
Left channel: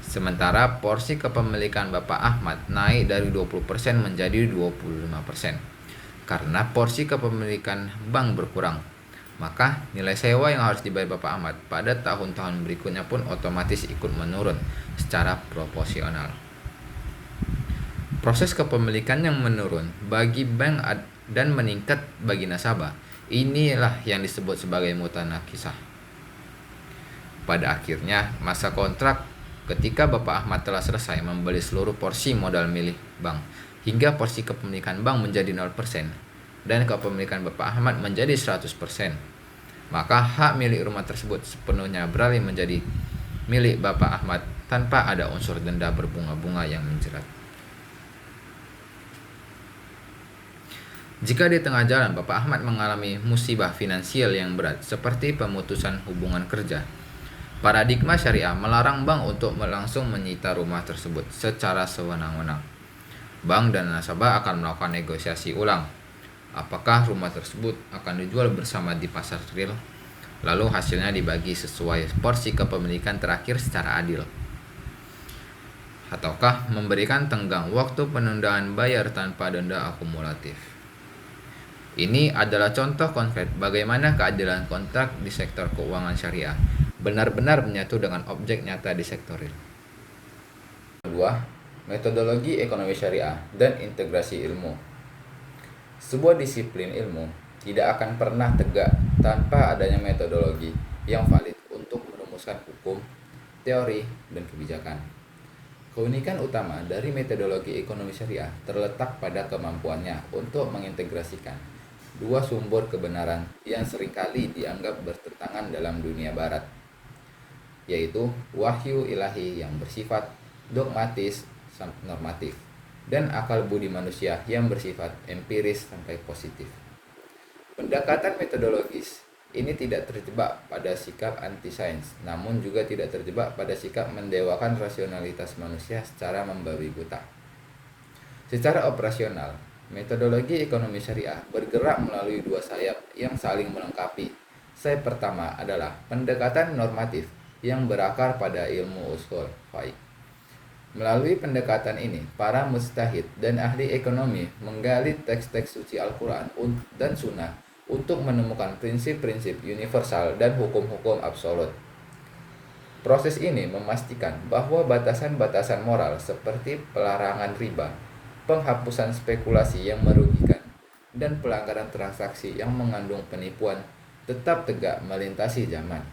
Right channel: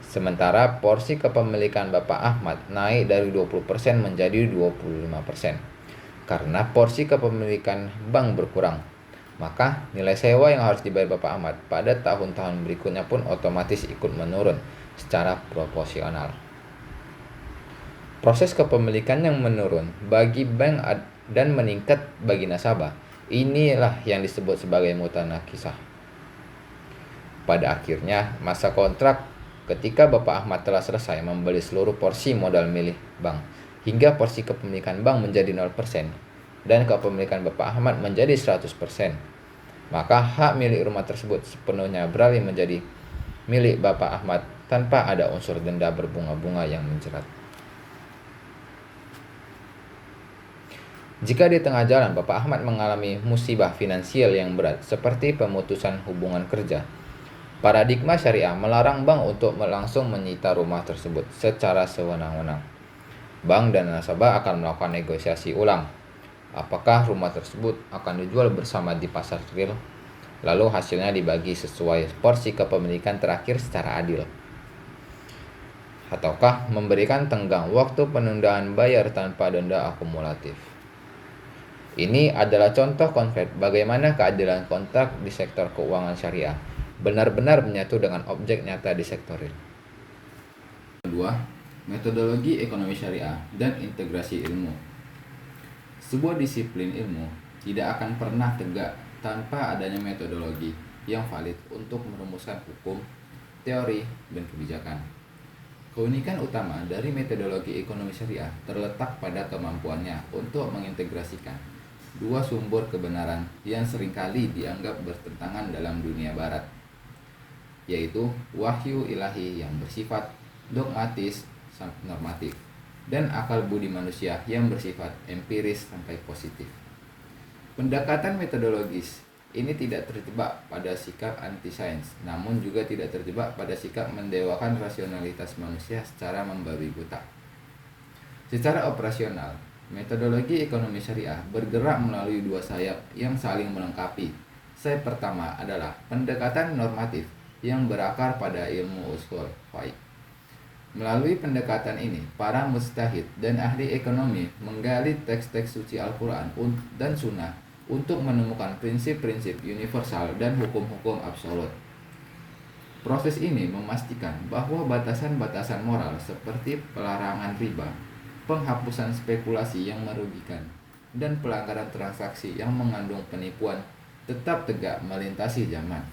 Sementara porsi kepemilikan Bapak Ahmad naik dari 20% menjadi 25%. Karena porsi kepemilikan bank berkurang, maka nilai sewa yang harus dibayar Bapak Ahmad pada tahun-tahun berikutnya pun otomatis ikut menurun secara proporsional. Proses kepemilikan yang menurun bagi bank dan meningkat bagi nasabah, inilah yang disebut sebagai mutanakisah. Pada akhirnya, masa kontrak ketika Bapak Ahmad telah selesai membeli seluruh porsi modal milik bank, hingga porsi kepemilikan bank menjadi 0% dan kepemilikan Bapak Ahmad menjadi 100%, maka hak milik rumah tersebut sepenuhnya beralih menjadi milik Bapak Ahmad tanpa ada unsur denda berbunga-bunga yang menjerat. Jika di tengah jalan Bapak Ahmad mengalami musibah finansial yang berat seperti pemutusan hubungan kerja, paradigma syariah melarang bank untuk langsung menyita rumah tersebut secara sewenang-wenang. Bank dan nasabah akan melakukan negosiasi ulang. Apakah rumah tersebut akan dijual bersama di pasar real, lalu hasilnya dibagi sesuai porsi kepemilikan terakhir secara adil. Ataukah memberikan tenggang waktu penundaan bayar tanpa denda akumulatif. Ini adalah contoh konkret bagaimana keadilan kontrak di sektor keuangan syariah benar-benar menyatu dengan objek nyata di sektor real. Kedua, Metodologi ekonomi syariah dan integrasi ilmu. Sebuah disiplin ilmu tidak akan pernah tegak tanpa adanya metodologi yang valid untuk merumuskan hukum, teori, dan kebijakan. Keunikan utama dari metodologi ekonomi syariah terletak pada kemampuannya untuk mengintegrasikan dua sumber kebenaran yang seringkali dianggap bertentangan dalam dunia barat, yaitu wahyu ilahi yang bersifat dogmatis normatif dan akal budi manusia yang bersifat empiris sampai positif. Pendekatan metodologis ini tidak terjebak pada sikap anti-sains, namun juga tidak terjebak pada sikap mendewakan rasionalitas manusia secara membabi buta. Secara operasional, metodologi ekonomi syariah bergerak melalui dua sayap yang saling melengkapi. Sayap pertama adalah pendekatan normatif yang berakar pada ilmu ushul fiqh. Melalui pendekatan ini, para mujtahid dan ahli ekonomi menggali teks-teks suci Al-Quran dan Sunnah untuk menemukan prinsip-prinsip universal dan hukum-hukum absolut. Proses ini memastikan bahwa batasan-batasan moral seperti pelarangan riba, penghapusan spekulasi yang merugikan, dan pelanggaran transaksi yang mengandung penipuan tetap tegak melintasi zaman.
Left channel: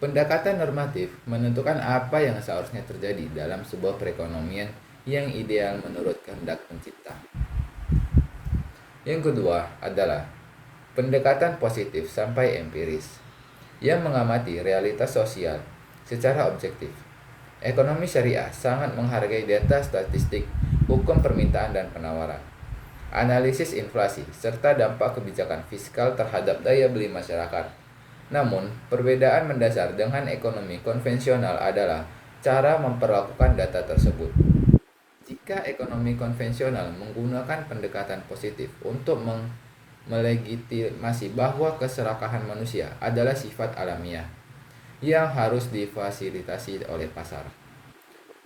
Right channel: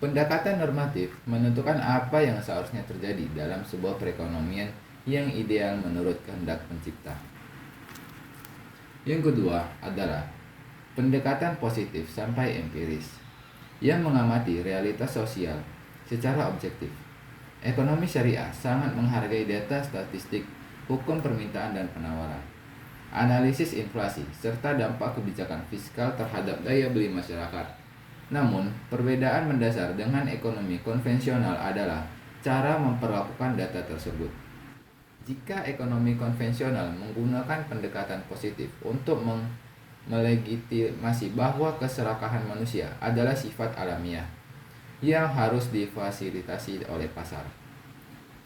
Pendekatan normatif menentukan apa yang seharusnya terjadi dalam sebuah perekonomian yang ideal menurut kehendak pencipta. Yang kedua adalah pendekatan positif sampai empiris yang mengamati realitas sosial secara objektif. Ekonomi syariah sangat menghargai data statistik, hukum permintaan dan penawaran, analisis inflasi, serta dampak kebijakan fiskal terhadap daya beli masyarakat. Namun, perbedaan mendasar dengan ekonomi konvensional adalah cara memperlakukan data tersebut. Jika ekonomi konvensional menggunakan pendekatan positif untuk melegitimasi bahwa keserakahan manusia adalah sifat alamiah yang harus difasilitasi oleh pasar,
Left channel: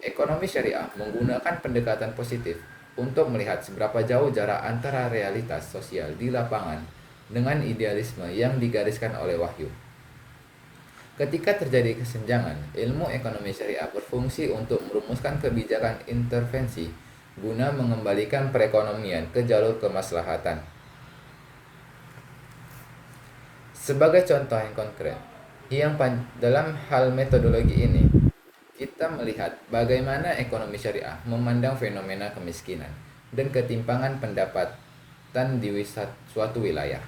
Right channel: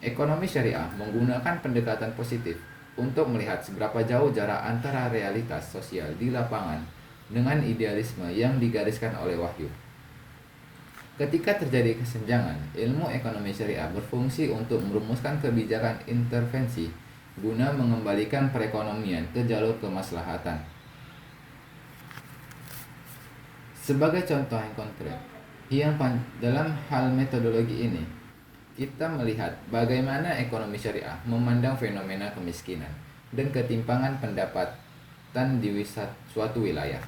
ekonomi syariah menggunakan pendekatan positif untuk melihat seberapa jauh jarak antara realitas sosial di lapangan dengan idealisme yang digariskan oleh wahyu. Ketika terjadi kesenjangan, ilmu ekonomi syariah berfungsi untuk merumuskan kebijakan intervensi guna mengembalikan perekonomian ke jalur kemaslahatan. Sebagai contoh yang konkret, dalam hal metodologi ini, kita melihat bagaimana ekonomi syariah memandang fenomena kemiskinan dan ketimpangan pendapatan di suatu wilayah.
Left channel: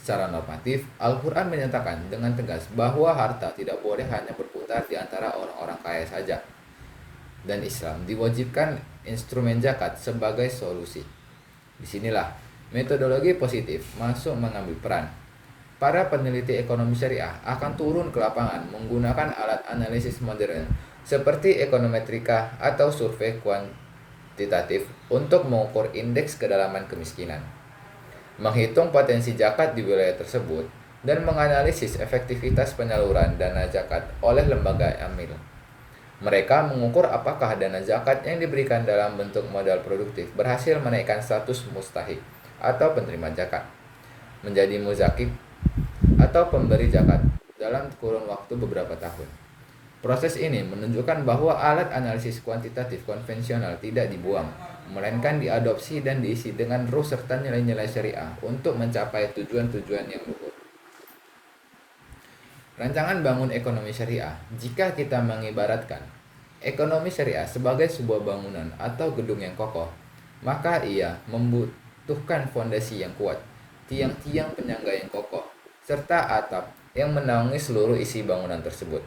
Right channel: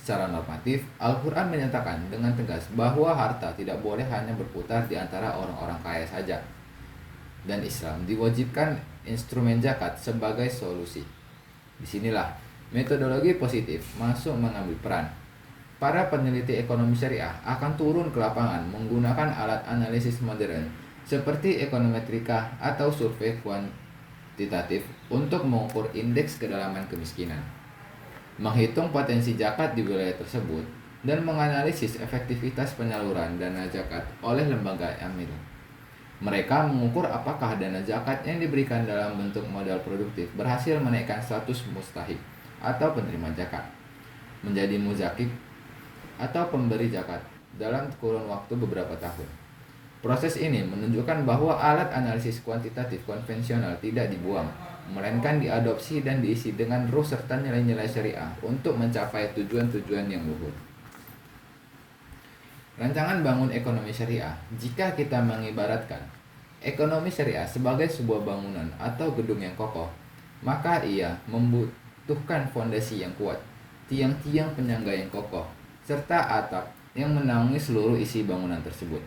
Secara normatif, Al-Quran menyatakan dengan tegas bahwa harta tidak boleh hanya berputar di antara orang-orang kaya saja, dan Islam diwajibkan instrumen zakat sebagai solusi. Disinilah metodologi positif masuk mengambil peran. Para peneliti ekonomi syariah akan turun ke lapangan menggunakan alat analisis modern seperti ekonometrika atau survei kuantitatif untuk mengukur indeks kedalaman kemiskinan, menghitung potensi zakat di wilayah tersebut, dan menganalisis efektivitas penyaluran dana zakat oleh lembaga amil. Mereka mengukur apakah dana zakat yang diberikan dalam bentuk modal produktif berhasil menaikkan status mustahik atau penerima zakat menjadi muzakib atau pemberi zakat dalam kurun waktu beberapa tahun. Proses ini menunjukkan bahwa alat analisis kuantitatif konvensional tidak dibuang, melainkan diadopsi dan diisi dengan ruh serta nilai-nilai syariah untuk mencapai tujuan-tujuan yang luhur. Rancangan bangun ekonomi syariah, jika kita mengibaratkan ekonomi syariah sebagai sebuah bangunan atau gedung yang kokoh, maka ia membutuhkan fondasi yang kuat, tiang-tiang penyangga yang kokoh, serta atap yang menaungi seluruh isi bangunan tersebut.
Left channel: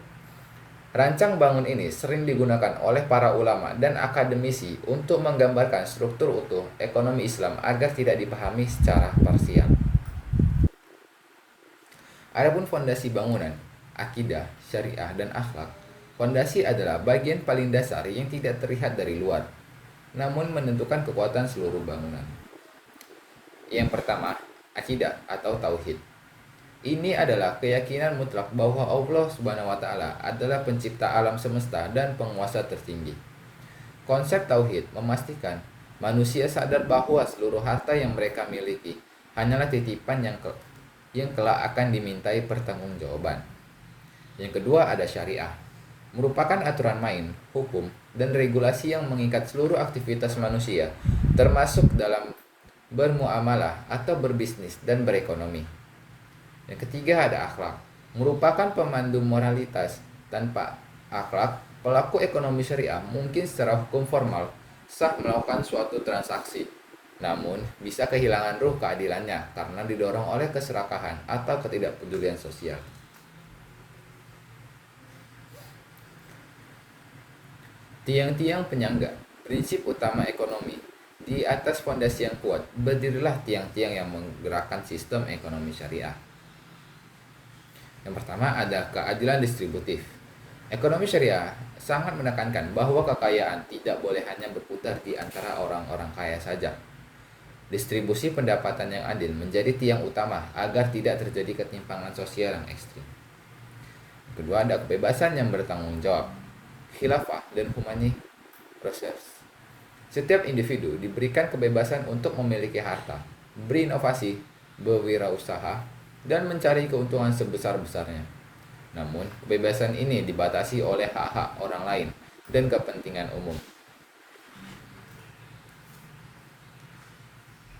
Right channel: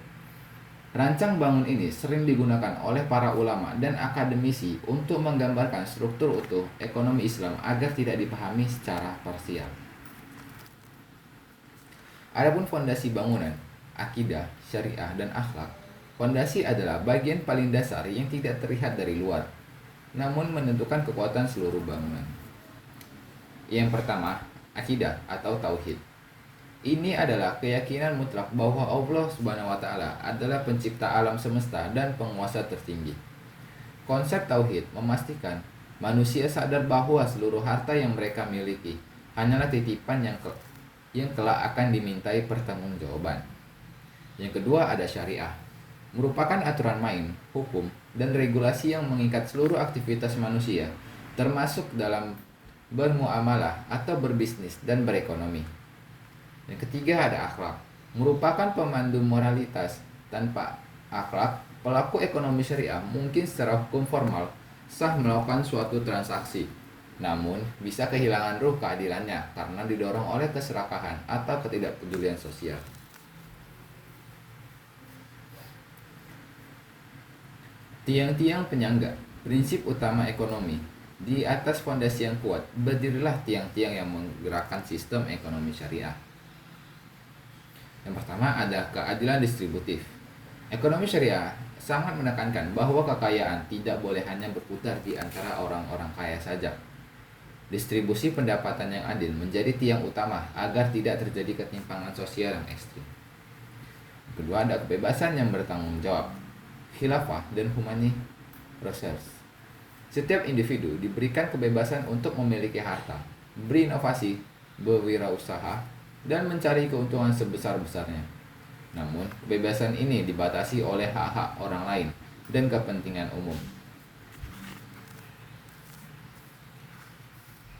Rancang bangun ini sering digunakan oleh para ulama dan akademisi untuk menggambarkan struktur utuh ekonomi Islam agar tidak dipahami secara parsial. Adapun fondasi bangunan, akidah, syariah, dan akhlak. Fondasi adalah bagian paling dasar yang tidak terlihat dari luar, namun menentukan kekuatan seluruh bangunan. Yang pertama, akidah atau tauhid. Ini adalah keyakinan mutlak bahwa Allah Subhanahu wa Ta'ala adalah pencipta alam semesta dan penguasa tertinggi. Konsep tauhid memastikan manusia sadar bahwa seluruh harta yang mereka miliki hanyalah titipan yang kelak akan dimintai pertanggungjawaban. Yang kedua ada syariah, merupakan aturan main, hukum, dan regulasi yang mengikat seluruh aktivitas manusia, termasuk dalam bermuamalah atau berbisnis dan berekonomi. Yang ketiga ada akhlak, merupakan pemandu moralitas. Tanpa akhlak, pelaku ekonomi syariah mungkin secara hukum formal sah melakukan suatu transaksi, namun bisa kehilangan ruh keadilannya karena didorong oleh keserakahan atau ketidakpedulian sosial. Tiang-tiang penyangga, prinsip utama ekonomi. Di atas fondasi yang kuat, berdirilah tiang-tiang yang menggerakkan sistem ekonomi syariah. Yang pertama ada keadilan distributif. Ekonomi syariah sangat menekankan bahwa kekayaan tidak boleh hanya berputar di antara orang-orang kaya saja. Distribusi pendapatan yang adil menjadi tiang utama agar tidak terjadi ketimpangan sosial yang ekstrim. Kedua ada kebebasan yang bertanggung jawab. Khilafah dan humani reserve. Setiap individu diberikan kebebasan untuk memiliki harta, berinovasi, berwirausaha, dan mencari keuntungan sebesar-besarnya. Namun, kebebasan ini dibatasi oleh hak-hak orang lain dan kepentingan umum.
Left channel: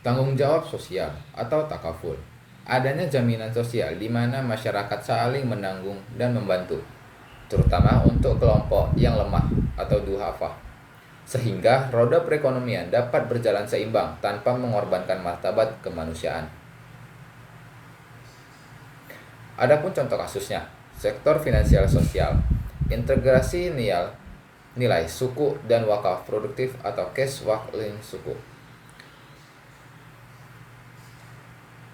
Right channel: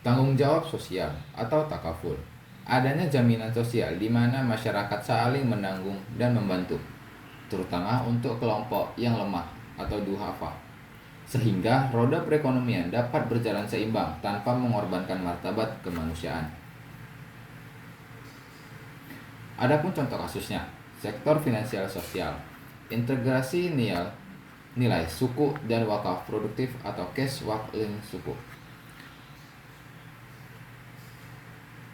Tanggung jawab sosial atau takaful. Adanya jaminan sosial di mana masyarakat saling menanggung dan membantu, terutama untuk kelompok yang lemah atau duhafa, sehingga roda perekonomian dapat berjalan seimbang tanpa mengorbankan martabat kemanusiaan. Adapun contoh kasusnya, sektor finansial sosial, integrasi nilai suku dan wakaf produktif atau cash wakling suku.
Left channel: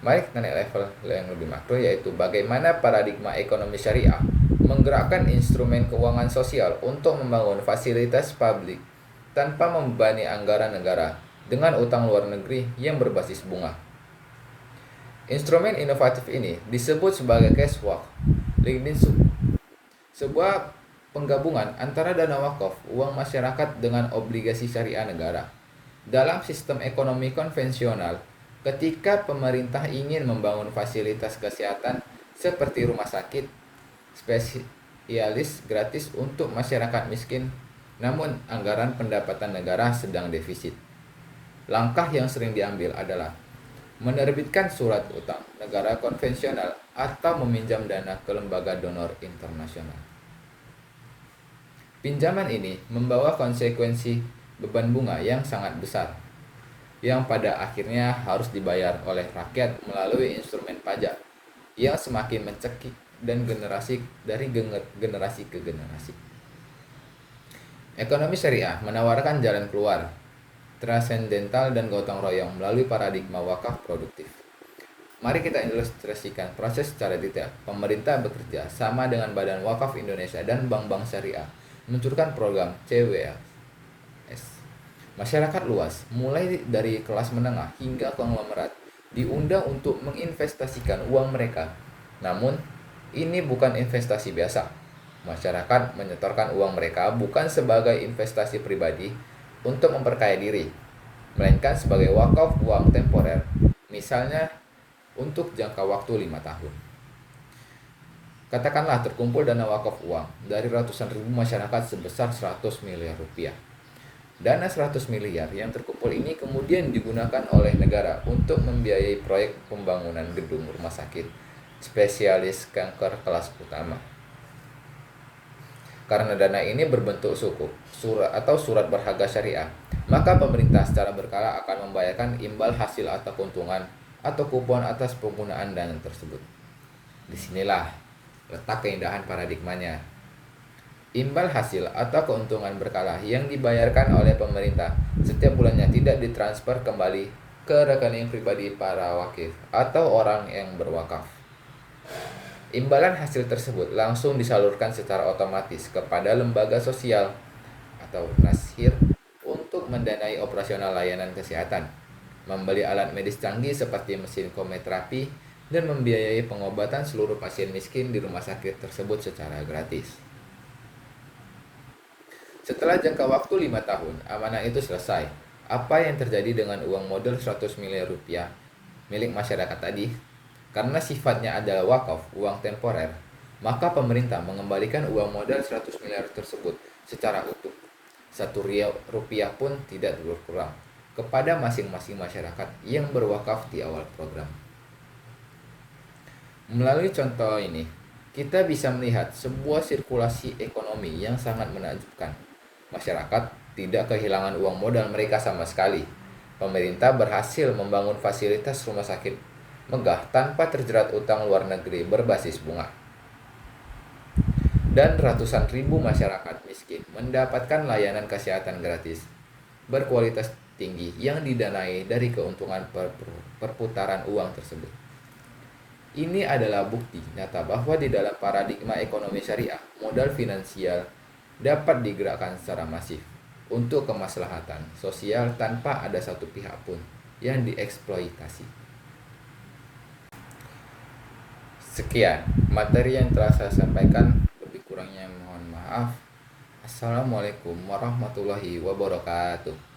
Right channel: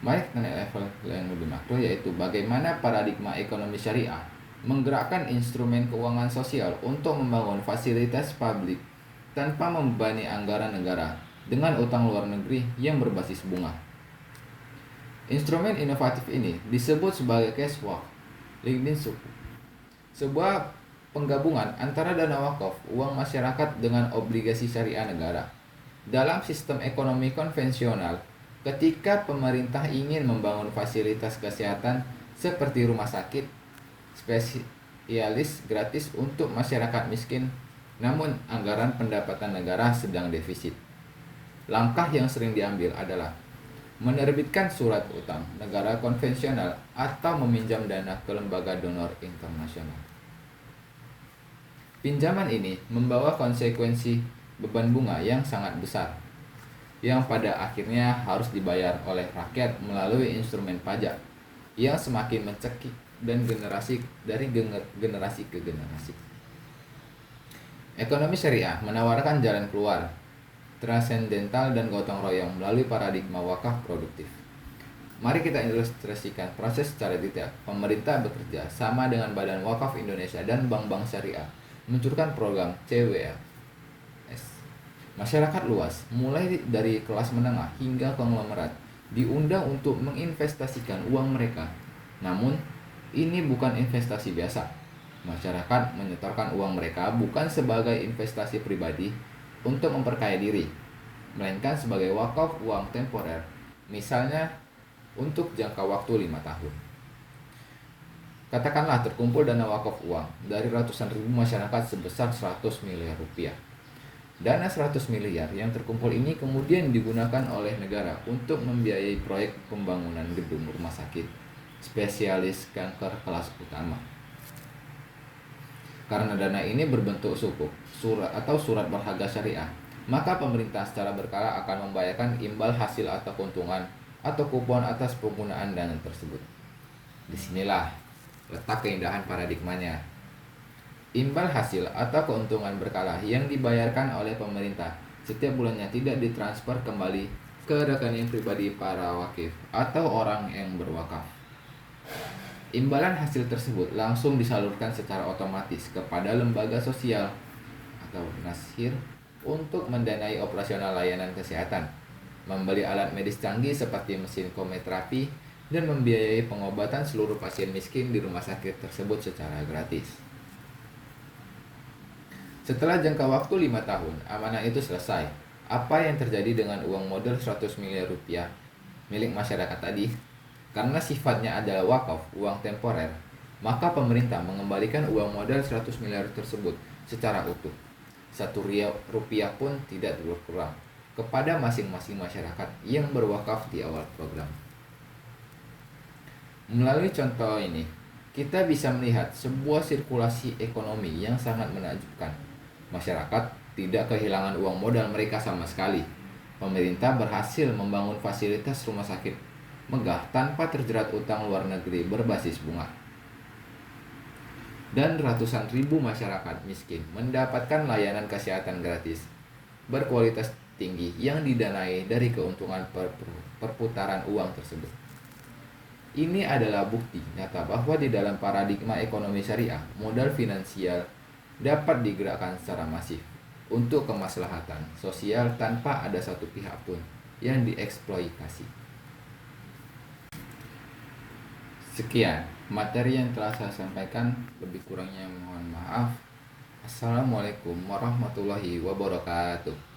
Mari kita naik level yang lebih makro, yaitu bagaimana paradigma ekonomi syariah menggerakkan instrumen keuangan sosial untuk membangun fasilitas publik tanpa membebani anggaran negara dengan utang luar negeri yang berbasis bunga. Instrumen inovatif ini disebut sebagai cash wakling suku, sebuah penggabungan antara dana wakaf, uang masyarakat dengan obligasi syariah negara. Dalam sistem ekonomi konvensional, ketika pemerintah ingin membangun fasilitas kesehatan seperti rumah sakit spesialis gratis untuk masyarakat miskin, namun anggaran pendapatan negara sedang defisit, langkah yang sering diambil adalah menerbitkan surat utang negara konvensional atau meminjam dana ke lembaga donor internasional. Pinjaman ini membawa konsekuensi beban bunga yang sangat besar, yang pada akhirnya harus dibayar oleh rakyat melalui instrumen pajak yang semakin mencekik dan dari generasi ke generasi. Ekonomi syariah menawarkan jalan keluar transendental dan gotong royong melalui paradigma wakaf produktif. Mari kita ilustrasikan proses secara detail. Pemerintah bekerja sama dengan Badan Wakaf Indonesia dan bank-bank syariah meluncurkan program CWLS. Masyarakat luas, mulai dari kelas menengah hingga konglomerat, diundang untuk menginvestasikan uang mereka. Namun, ini bukan investasi biasa. Masyarakat menyetorkan uang mereka bukan sebagai investasi pribadi untuk memperkaya diri, melainkan sebagai wakaf uang temporer, misalnya untuk jangka waktu 5 tahun. Katakanlah terkumpul dana wakaf uang dari ratusan ribu masyarakat sebesar 100 miliar rupiah. Dana 100 miliar yang terkumpul ini kemudian digunakan oleh negara untuk membiayai proyek pembangunan gedung rumah sakit spesialis kanker kelas utama. Karena dana ini berbentuk surat berharga syariah, maka pemerintah secara berkala akan membayarkan imbal hasil atau keuntungan atau kupon atas penggunaan dana tersebut. Disinilah letak keindahan paradigmanya. Imbal hasil atau keuntungan berkala yang dibayarkan oleh pemerintah setiap bulannya tidak ditransfer kembali ke rekening pribadi para wakif atau orang yang berwakaf. Imbalan hasil tersebut langsung disalurkan secara otomatis kepada lembaga sosial atau nashir untuk mendanai operasional layanan kesehatan, membeli alat medis canggih seperti mesin kemoterapi, dan membiayai pengobatan seluruh pasien miskin di rumah sakit tersebut secara gratis. Setelah jangka waktu 5 tahun, amanah itu selesai. Apa yang terjadi dengan uang modal 100 miliar rupiah milik masyarakat tadi? Karena sifatnya adalah wakaf, uang temporer, maka pemerintah mengembalikan uang modal 100 miliar tersebut secara utuh. Rp1 pun tidak berkurang kepada masing-masing masyarakat yang berwakaf di awal program. Melalui contoh ini, kita bisa melihat sebuah sirkulasi ekonomi yang sangat menakjubkan. Masyarakat tidak kehilangan uang modal mereka sama sekali. Pemerintah berhasil membangun fasilitas rumah sakit megah tanpa terjerat utang luar negeri berbasis bunga. Dan ratusan ribu masyarakat miskin mendapatkan layanan kesehatan gratis berkualitas tinggi yang didanai dari keuntungan perputaran uang tersebut. Ini adalah bukti nyata bahwa di dalam paradigma ekonomi syariah, modal finansial dapat digerakkan secara masif untuk kemaslahatan sosial tanpa ada satu pihak pun yang dieksploitasi. Sekian materi yang telah saya sampaikan, lebih kurangnya mohon maaf. Assalamualaikum warahmatullahi wabarakatuh.